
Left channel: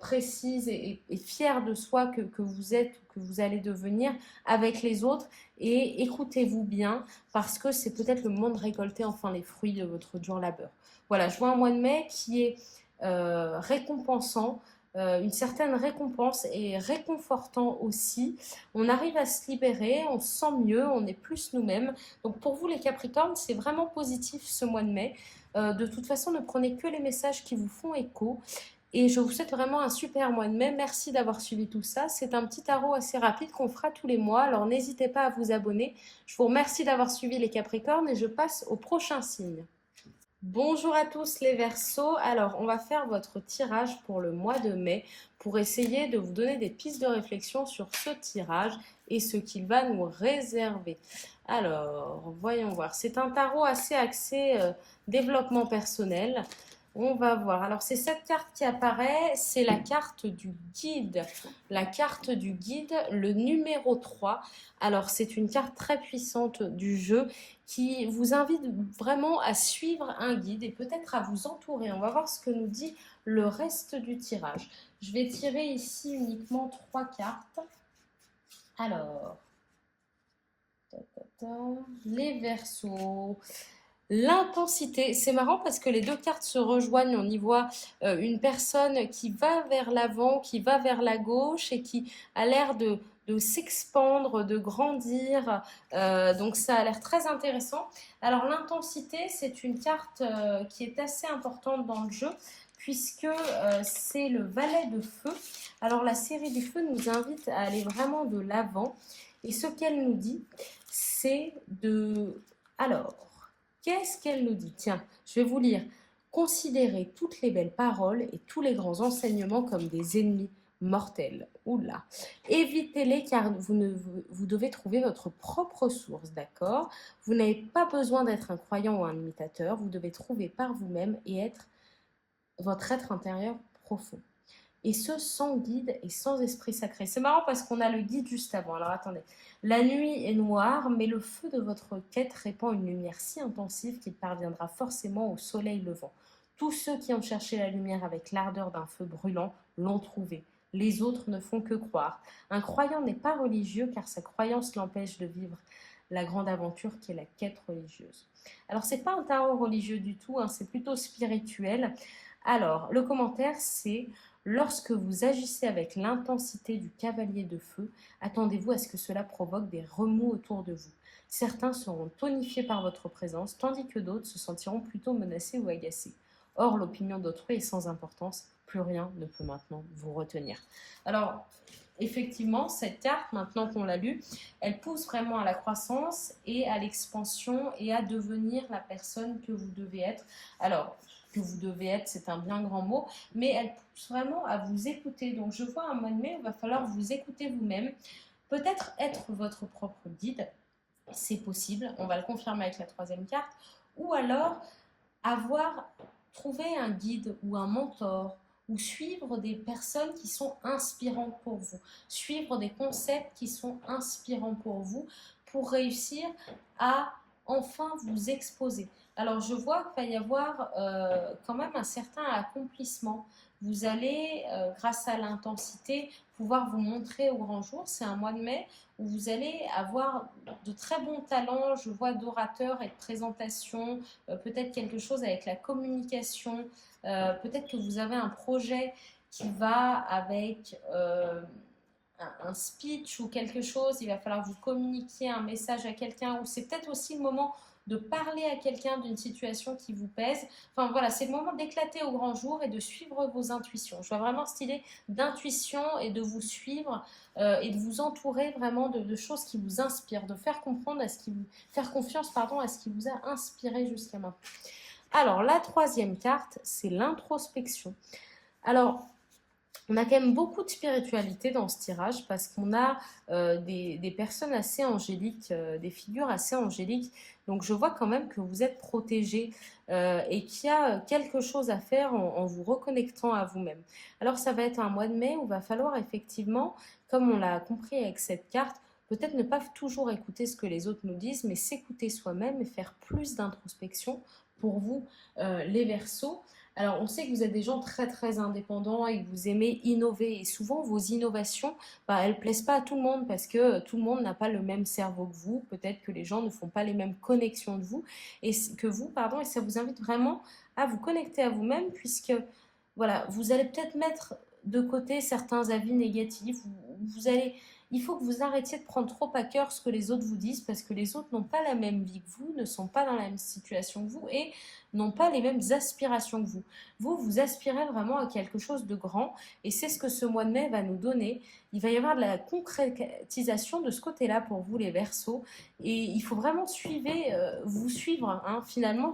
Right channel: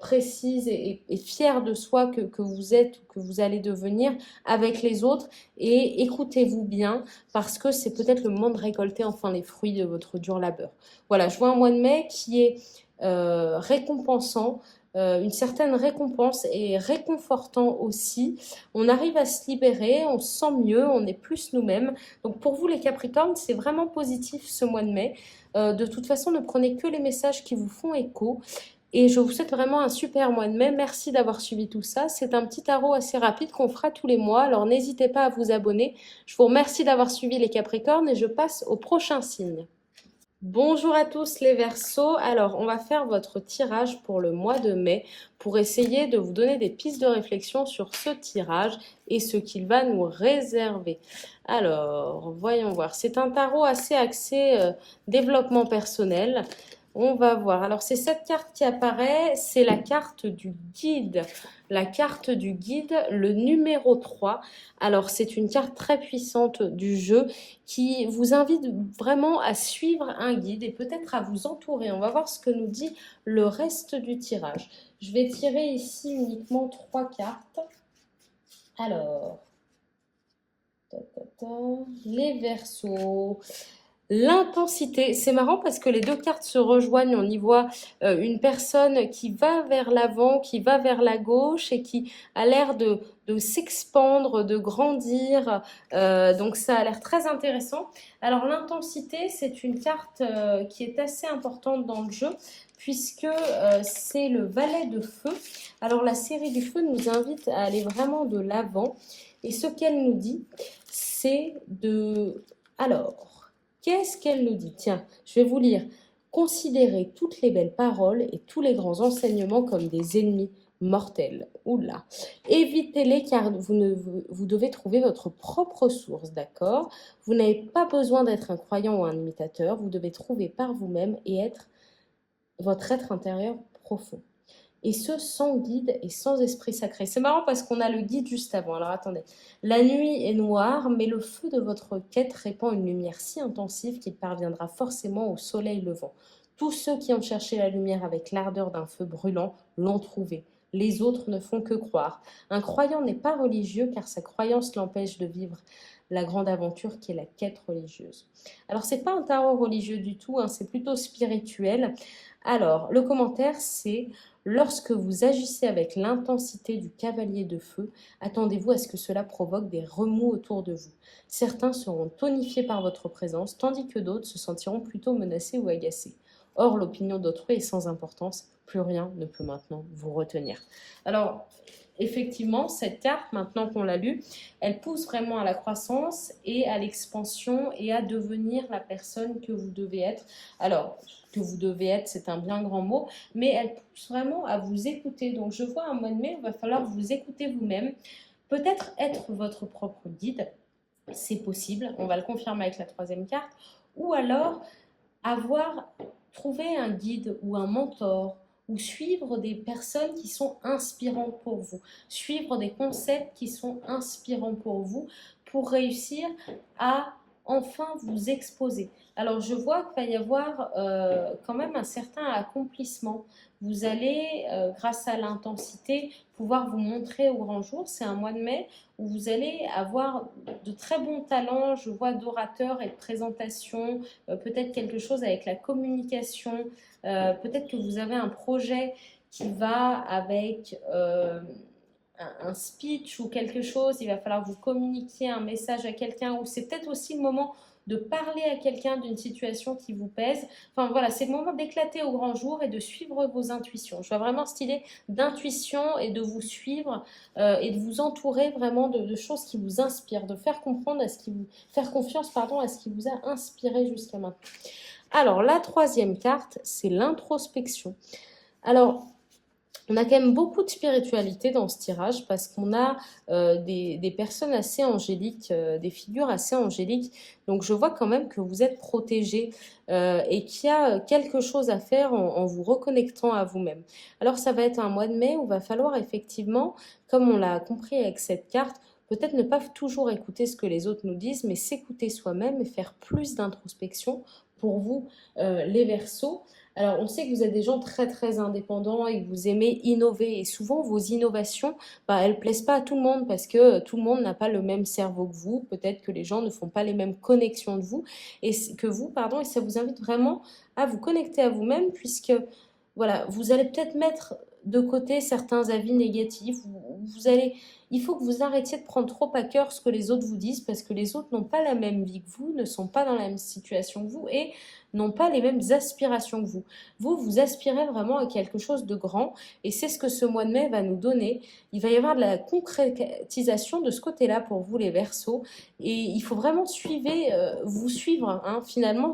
précise et fière de soi que vous êtes ou que vous allez devenir avec les autres et écoutez-vous bien parce que c'est peut-être le moment de récolter enfin les fruits de votre dur labeur. Voilà, je vois un mois de mai qui est récompensant, une certaine récompense et réconfortant aussi. On arrive à se libérer, on se sent mieux, on est plus nous-mêmes. Donc pour vous les Capricornes, c'est vraiment positif ce mois de mai. De toute façon, ne prenez que les messages qui vous font écho. Et je vous souhaite vraiment un super mois de mai. Merci d'avoir suivi tout ça. C'est un petit tarot assez rapide qu'on fera tous les mois. Alors n'hésitez pas à vous abonner. Je vous remercie d'avoir suivi les Capricornes et je passe au prochain signe. Bonjour à tous les Verseaux. Alors, on va faire votre tirage pour le mois de mai pour essayer de vous donner des pistes de réflexion sur ce tirage et ce qu'il va nous réserver. Alors, voyons voir. C'est un tarot assez axé développement personnel. On va voir. Alors, c'est cette carte qui apparaît. C'est la carte du guide. La carte du guide, le numéro 3. Alors, c'est une carte très puissante du jeu qui vous invite vraiment à suivre un guide et peut-être à vous entourer. On va voir ce que nous dit le reste du tirage. Je vais tirer ici uniquement 3 cartes. Alors, les Verseaux. L'intensité, c'est marrant parce que les deux cartes se rejoignent. On y voit une personne qui va vers l'avant, qui va vers la gauche et qui a l'air de s'expandre, de grandir. Donc ça a l'air très intéressant. Alors l'intensité, c'est une carte qui est assez importante dans le jeu puisque c'est le valet de feu. Alors la série du feu nous invite à aller vraiment de l'avant. Et ce qu'elle nous dit, c'est de... Alors... Qu'est-ce qu'elle nous dit? Tiens, je vais vous lire. Considérez toutes les belles paroles et tous les grands enseignements comme des ennemis. mortels. Oula. Évitez-les car vous devez trouver votre propre source, d'accord? Vous n'avez pas besoin d'être un croyant ou un imitateur, vous devez trouver par vous-même et être votre être intérieur profond. Et ce, sans guide et sans esprit sacré. C'est marrant parce qu'on a le guide juste avant. Alors attendez. La nuit est noire, mais le feu de votre quête répand une lumière si intensive qu'il parviendra forcément au soleil levant. Tous ceux qui ont cherché la lumière avec l'ardeur d'un feu brûlant l'ont trouvée. Les autres ne font que croire. Un croyant n'est pas religieux car sa croyance l'empêche de vivre la grande aventure qui est la quête religieuse. Alors c'est pas un tarot religieux du tout, hein, c'est plutôt spirituel. Alors le commentaire c'est: lorsque vous agissez avec l'intensité du cavalier de feu, attendez-vous à ce que cela provoque des remous autour de vous. Certains seront tonifiés par votre présence, tandis que d'autres se sentiront plutôt menacés ou agacés. Or, l'opinion d'autrui est sans importance, plus rien ne peut maintenant vous retenir. Alors, effectivement, cette carte, maintenant qu'on l'a lue, elle pousse vraiment à la croissance et à l'expansion et à devenir la personne que vous devez être. Alors, que vous devez être, c'est un bien grand mot, mais elle pousse vraiment à vous écouter. Donc, je vois un mois de mai, il va falloir vous écouter vous-même, peut-être être votre propre guide, c'est possible, on va le confirmer avec la troisième carte, ou alors avoir trouvé un guide ou un mentor ou suivre des personnes qui sont inspirantes pour vous, suivre des concepts qui sont inspirants pour vous pour réussir à enfin vous exposer. Alors je vois qu'il va y avoir quand même un certain accomplissement. Vous allez, grâce à l'intensité, pouvoir vous montrer au grand jour. C'est un mois de mai où vous allez avoir de très bons talents, je vois, d'orateur et de présentation, peut-être quelque chose avec la communication, peut-être que vous avez un projet qui va avec un speech ou quelque chose, il va falloir vous communiquer un message à quelqu'un, ou c'est peut-être aussi le moment de parler à quelqu'un d'une situation qui vous pèse. Enfin voilà, c'est le moment d'éclater au grand jour et de suivre vos intuitions. Je vois vraiment cette idée d'intuition et de vous suivre et de vous entourer vraiment de choses qui vous inspirent, de faire comprendre à ce qui vous, faire confiance pardon, à ce qui vous a inspiré jusqu'à maintenant. Alors la troisième carte, c'est l'introspection. Alors on a quand même beaucoup de spiritualité dans ce tirage parce qu'on a des personnes assez angéliques, des figures assez angéliques. Donc je vois quand même que vous êtes protégés et qu'il y a quelque chose à faire en vous reconnectant à vous-même. Alors ça va être un mois de mai où il va falloir effectivement, comme on l'a compris avec cette carte, peut-être ne pas toujours écouter ce que les autres nous disent, mais s'écouter soi-même et faire plus d'introspection pour vous, les Verseaux. Alors, on sait que vous êtes des gens très très indépendants et que vous aimez innover. Et souvent, vos innovations, elles ne plaisent pas à tout le monde parce que tout le monde n'a pas le même cerveau que vous. Peut-être que les gens ne font pas les mêmes connexions que vous, pardon. Et ça vous invite vraiment à vous connecter à vous-même puisque, voilà, vous allez peut-être mettre de côté certains avis négatifs. Il faut que vous arrêtiez de prendre trop à cœur ce que les autres vous disent parce que les autres n'ont pas la même vie que vous, ne sont pas dans la même situation que vous et n'ont pas les mêmes aspirations que vous. Vous aspirez vraiment à quelque chose de grand et c'est ce que ce mois de mai va nous donner. Il va y avoir de la concrétisation de ce côté-là pour vous les Verseaux et il faut vraiment vous suivre. Hein. Finalement,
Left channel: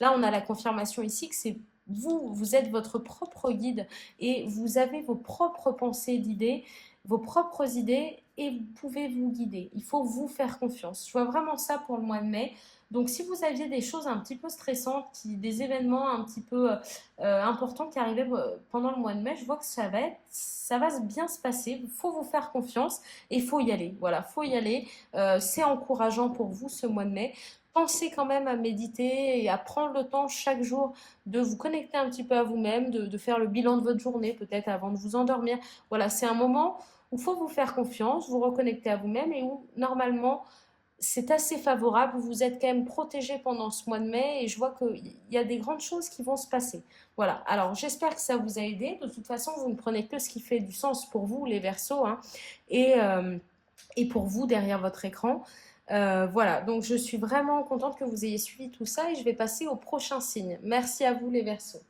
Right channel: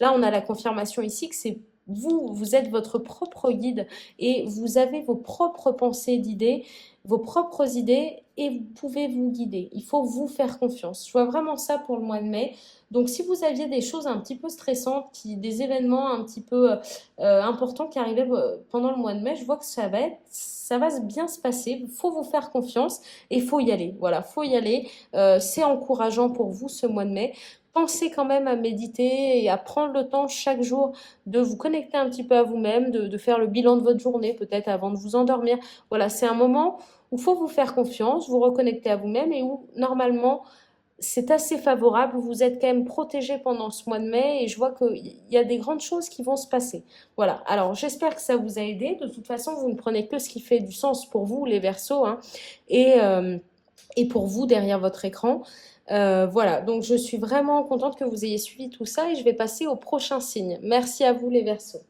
là on a la confirmation ici que c'est vous êtes votre propre guide et vous avez vos propres pensées d'idées, vos propres idées et vous pouvez vous guider. Il faut vous faire confiance. Je vois vraiment ça pour le mois de mai. Donc, si vous aviez des choses un petit peu stressantes, des événements un petit peu importants qui arrivaient pendant le mois de mai, je vois que ça va bien se passer. Il faut vous faire confiance et il faut y aller. Voilà, il faut y aller. C'est encourageant pour vous ce mois de mai. Pensez quand même à méditer et à prendre le temps chaque jour de vous connecter un petit peu à vous-même, de faire le bilan de votre journée peut-être avant de vous endormir. Voilà, c'est un moment où il faut vous faire confiance, vous reconnecter à vous-même et où normalement c'est assez favorable, vous êtes quand même protégé pendant ce mois de mai et je vois qu'il y a des grandes choses qui vont se passer. Voilà, alors j'espère que ça vous a aidé. De toute façon, vous ne prenez que ce qui fait du sens pour vous, les Verseaux, hein, et pour vous derrière votre écran. Voilà, donc je suis vraiment contente que vous ayez suivi tout ça et je vais passer au prochain signe. Merci à vous les Verseaux.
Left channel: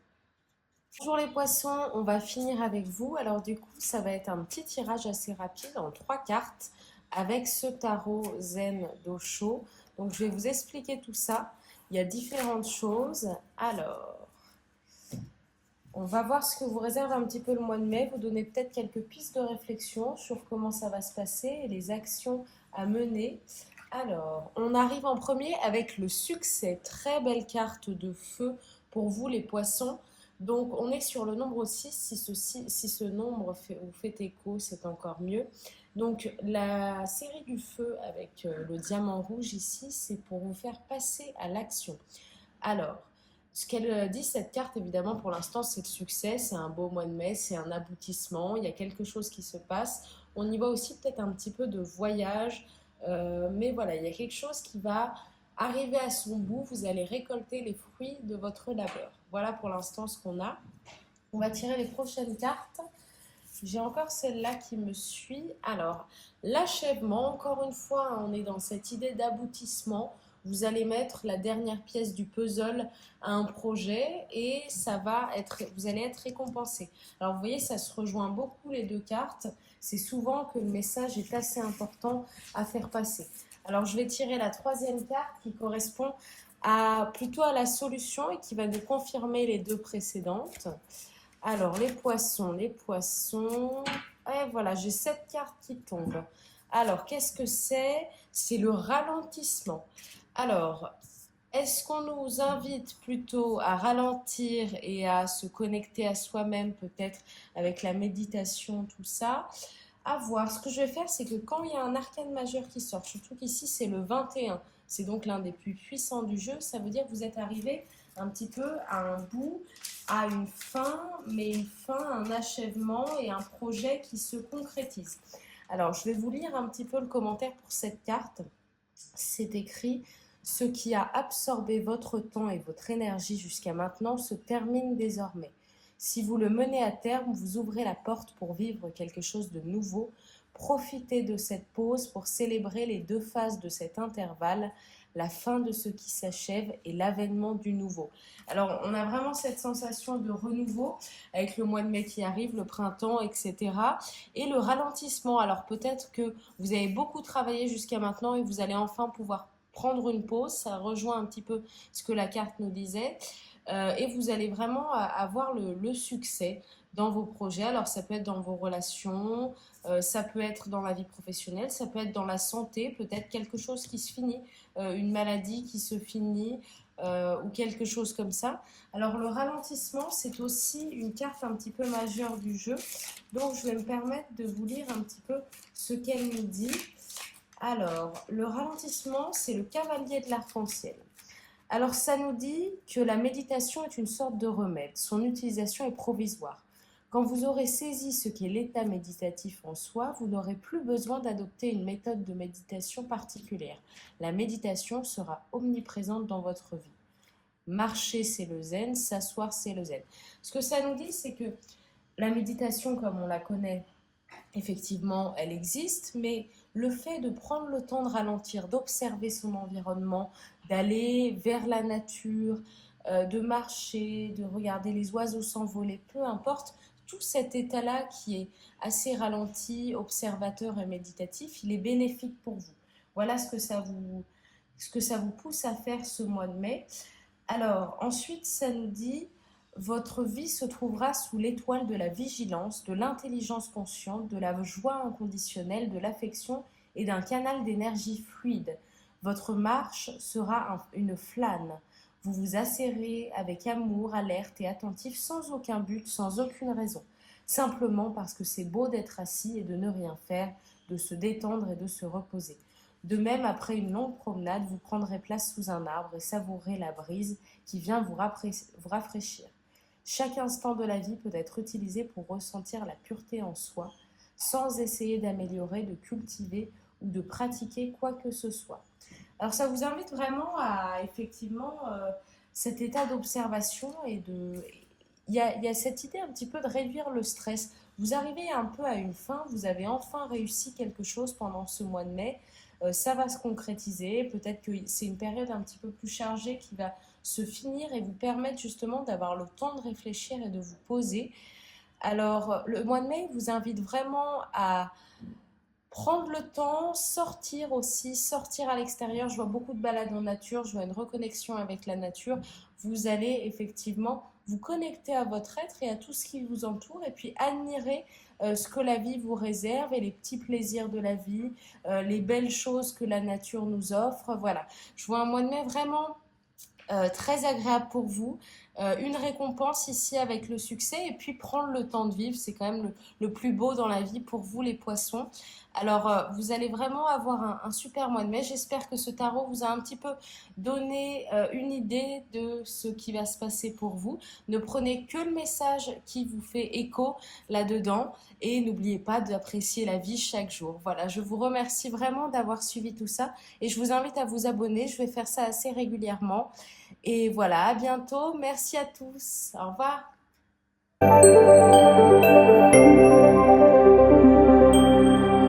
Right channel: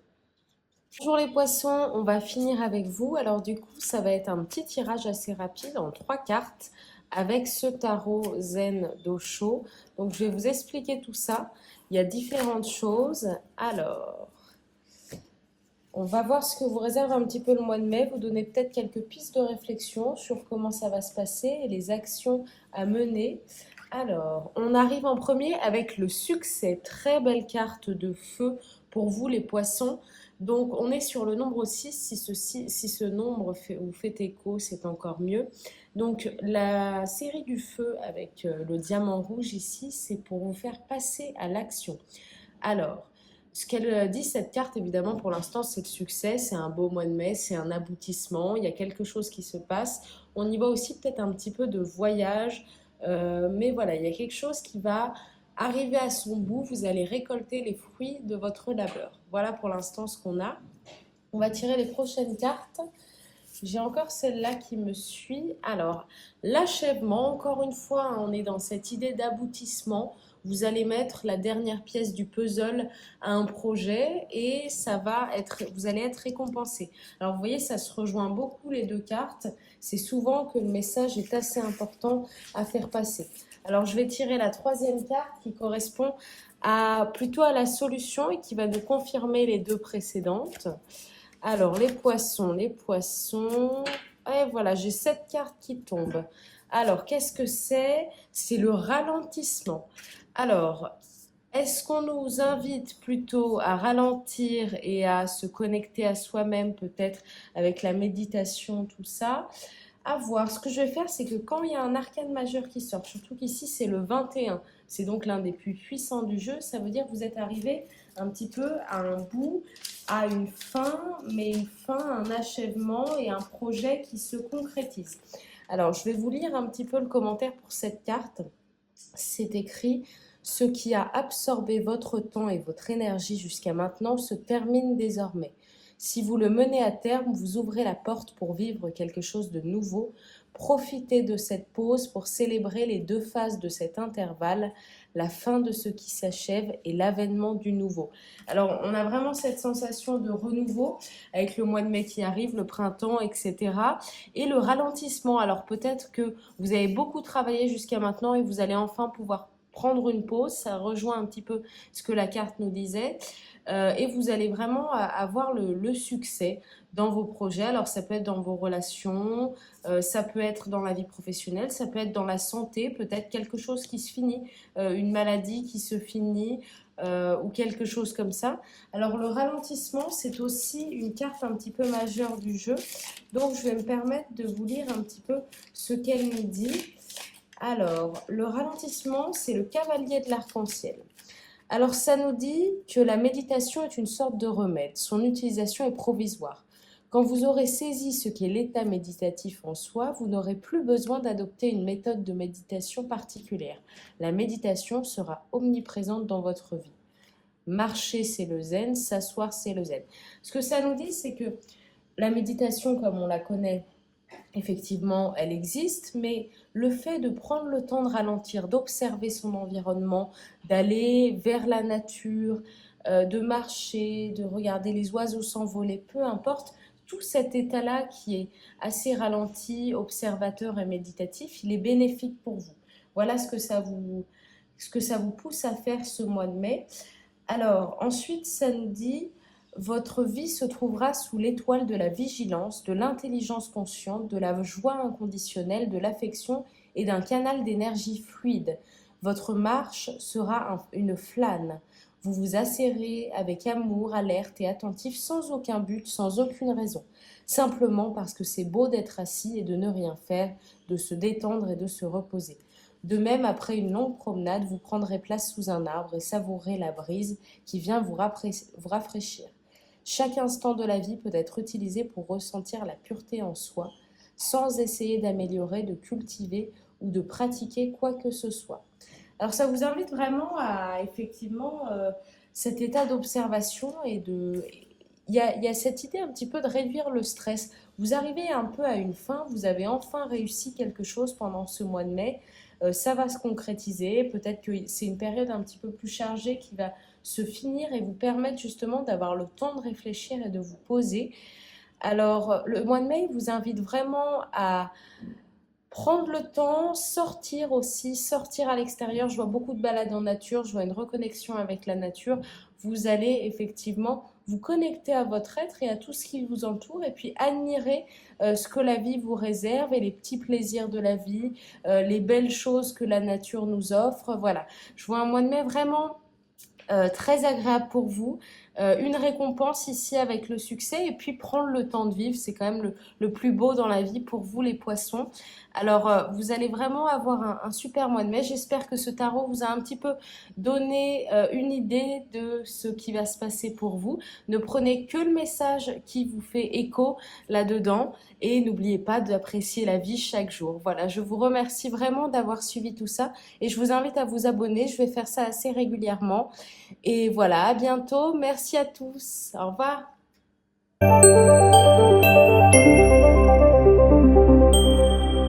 Bonjour les poissons, on va finir avec vous. Alors du coup, ça va être un petit tirage assez rapide en 3 cartes avec ce tarot Zen d'Osho. Donc je vais vous expliquer tout ça. Il y a différentes choses. Alors, On va voir ce que vous réserve un petit peu le mois de mai, vous donner peut-être quelques pistes de réflexion sur comment ça va se passer et les actions à mener. Alors, on arrive en premier avec le succès. Très belle carte de feu pour vous les poissons. Donc, on est sur le nombre 6. Si ce nombre vous fait écho, c'est encore mieux. Donc, la série du feu avec le diamant rouge ici, c'est pour vous faire passer à l'action. Alors, ce qu'elle dit, cette carte, évidemment, pour l'instant, c'est le succès, c'est un beau mois de mai, c'est un aboutissement, il y a quelque chose qui se passe. On y voit aussi peut-être un petit peu de voyage, mais voilà, il y a quelque chose qui va arriver à son bout, vous allez récolter les fruits de votre labeur. Voilà pour l'instant ce qu'on a. On va tirer les prochaines cartes. J'ai encore celle-là qui me suit. Alors, l'achèvement, encore une fois, on est dans cette idée d'aboutissement. Vous allez mettre la dernière pièce du puzzle à un projet et vous allez être récompensé. Alors, vous voyez, ça se rejoint beaucoup les deux cartes. C'est souvent que le message est assez important à faire passer. Alors, je vais tirer la troisième carte qui correspond plutôt à la solution et qui va nous confirmer les deux précédentes. Alors, les poissons. Et voilà, j'ai 7 cartes qui tombent. Alors, qu'est-ce que c'est? C'est le ralentissement. Alors, est-ce qu'on nous invite plutôt à ralentir et à se connecter à soi-même, peut-être avec la méditation, tout ça? À voir. Ce que je vais faire, c'est que quand il y a un arcane majeur qui sort, surtout qu'ici c'est le 21, c'est donc l'un des plus puissants du jeu, ça veut dire que vous êtes arrivé un petit peu à un bout, à une fin, mais une fin, un achèvement et un projet qui se concrétise. Alors, je vais vous lire un petit peu le commentaire pour cette carte. C'est écrit: ce qui a absorbé votre temps et votre énergie jusqu'à maintenant se termine désormais. Si vous le menez à terme, vous ouvrez la porte pour vivre quelque chose de nouveau. Profitez de cette pause pour célébrer les deux phases de cet intervalle, la fin de ce qui s'achève et l'avènement du nouveau. Alors, on a vraiment cette sensation de renouveau avec le mois de mai qui arrive, le printemps, etc. Et le ralentissement. Alors, peut-être que vous avez beaucoup travaillé jusqu'à maintenant et vous allez enfin pouvoir prendre une pause. Ça rejoint un petit peu ce que la carte nous disait. Et vous allez vraiment avoir le succès dans vos projets. Alors, ça peut être dans vos relations, ça peut être dans la vie professionnelle, ça peut être dans la santé, peut-être quelque chose qui se finit, une maladie qui se finit, ou quelque chose comme ça. Alors, le ralentissement, c'est aussi une carte un petit peu majeure du jeu. Donc, je vais me permettre de vous lire un petit peu ce qu'elle nous dit. Alors, le ralentissement, c'est le cavalier de l'arc-en-ciel. Alors, ça nous dit que la méditation est une sorte de remède. Son utilisation est provisoire. Quand vous aurez saisi ce qu'est l'état méditatif en soi, vous n'aurez plus besoin d'adopter une méthode de méditation particulière. La méditation sera omniprésente dans votre vie. Marcher, c'est le zen, s'asseoir, c'est le zen. Ce que ça nous dit, c'est que la méditation, comme on la connaît, effectivement, elle existe, mais le fait de prendre le temps de ralentir, d'observer son environnement, d'aller vers la nature, de marcher, de regarder les oiseaux s'envoler, peu importe, tout cet état-là qui est assez ralenti, observateur et méditatif, il est bénéfique pour vous. Voilà ce que ça vous pousse à faire ce mois de mai. Alors, ensuite, ça nous dit: votre vie se trouvera sous l'étoile de la vigilance, de l'intelligence consciente, de la joie inconditionnelle, de l'affection et d'un canal d'énergie fluide. Votre marche sera une flâne. Vous vous asserrez avec amour, alerte et attentif, sans aucun but, sans aucune raison. Simplement parce que c'est beau d'être assis et de ne rien faire, de se détendre et de se reposer. De même, après une longue promenade, vous prendrez place sous un arbre et savourez la brise qui vient vous rafraîchir. Chaque instant de la vie peut être utilisé pour ressentir la pureté en soi, sans essayer d'améliorer, de cultiver ou de pratiquer quoi que ce soit. Alors ça vous invite vraiment à effectivement cet état d'observation il y a cette idée un petit peu de réduire le stress. Vous arrivez un peu à une fin, vous avez enfin réussi quelque chose pendant ce mois de mai, ça va se concrétiser, peut-être que c'est une période un petit peu plus chargée qui va se finir et vous permettre justement d'avoir le temps de réfléchir et de vous poser. Alors, le mois de mai vous invite vraiment à prendre le temps, sortir aussi, sortir à l'extérieur. Je vois beaucoup de balades en nature, je vois une reconnexion avec la nature. Vous allez effectivement vous connecter à votre être et à tout ce qui vous entoure et puis admirer ce que la vie vous réserve et les petits plaisirs de la vie, les belles choses que la nature nous offre. Voilà, je vois un mois de mai vraiment très agréable pour vous. Une récompense ici avec le succès et puis prendre le temps de vivre, c'est quand même le plus beau dans la vie pour vous les poissons. Alors vous allez vraiment avoir un super mois de mai. J'espère que ce tarot vous a un petit peu donné une idée de ce qui va se passer pour vous. Ne prenez que le message qui vous fait écho là-dedans et n'oubliez pas d'apprécier la vie chaque jour. Voilà, je vous remercie vraiment d'avoir suivi tout ça et je vous invite à vous abonner. Je vais faire ça assez régulièrement. Et voilà, à bientôt. Merci à tous. Au revoir.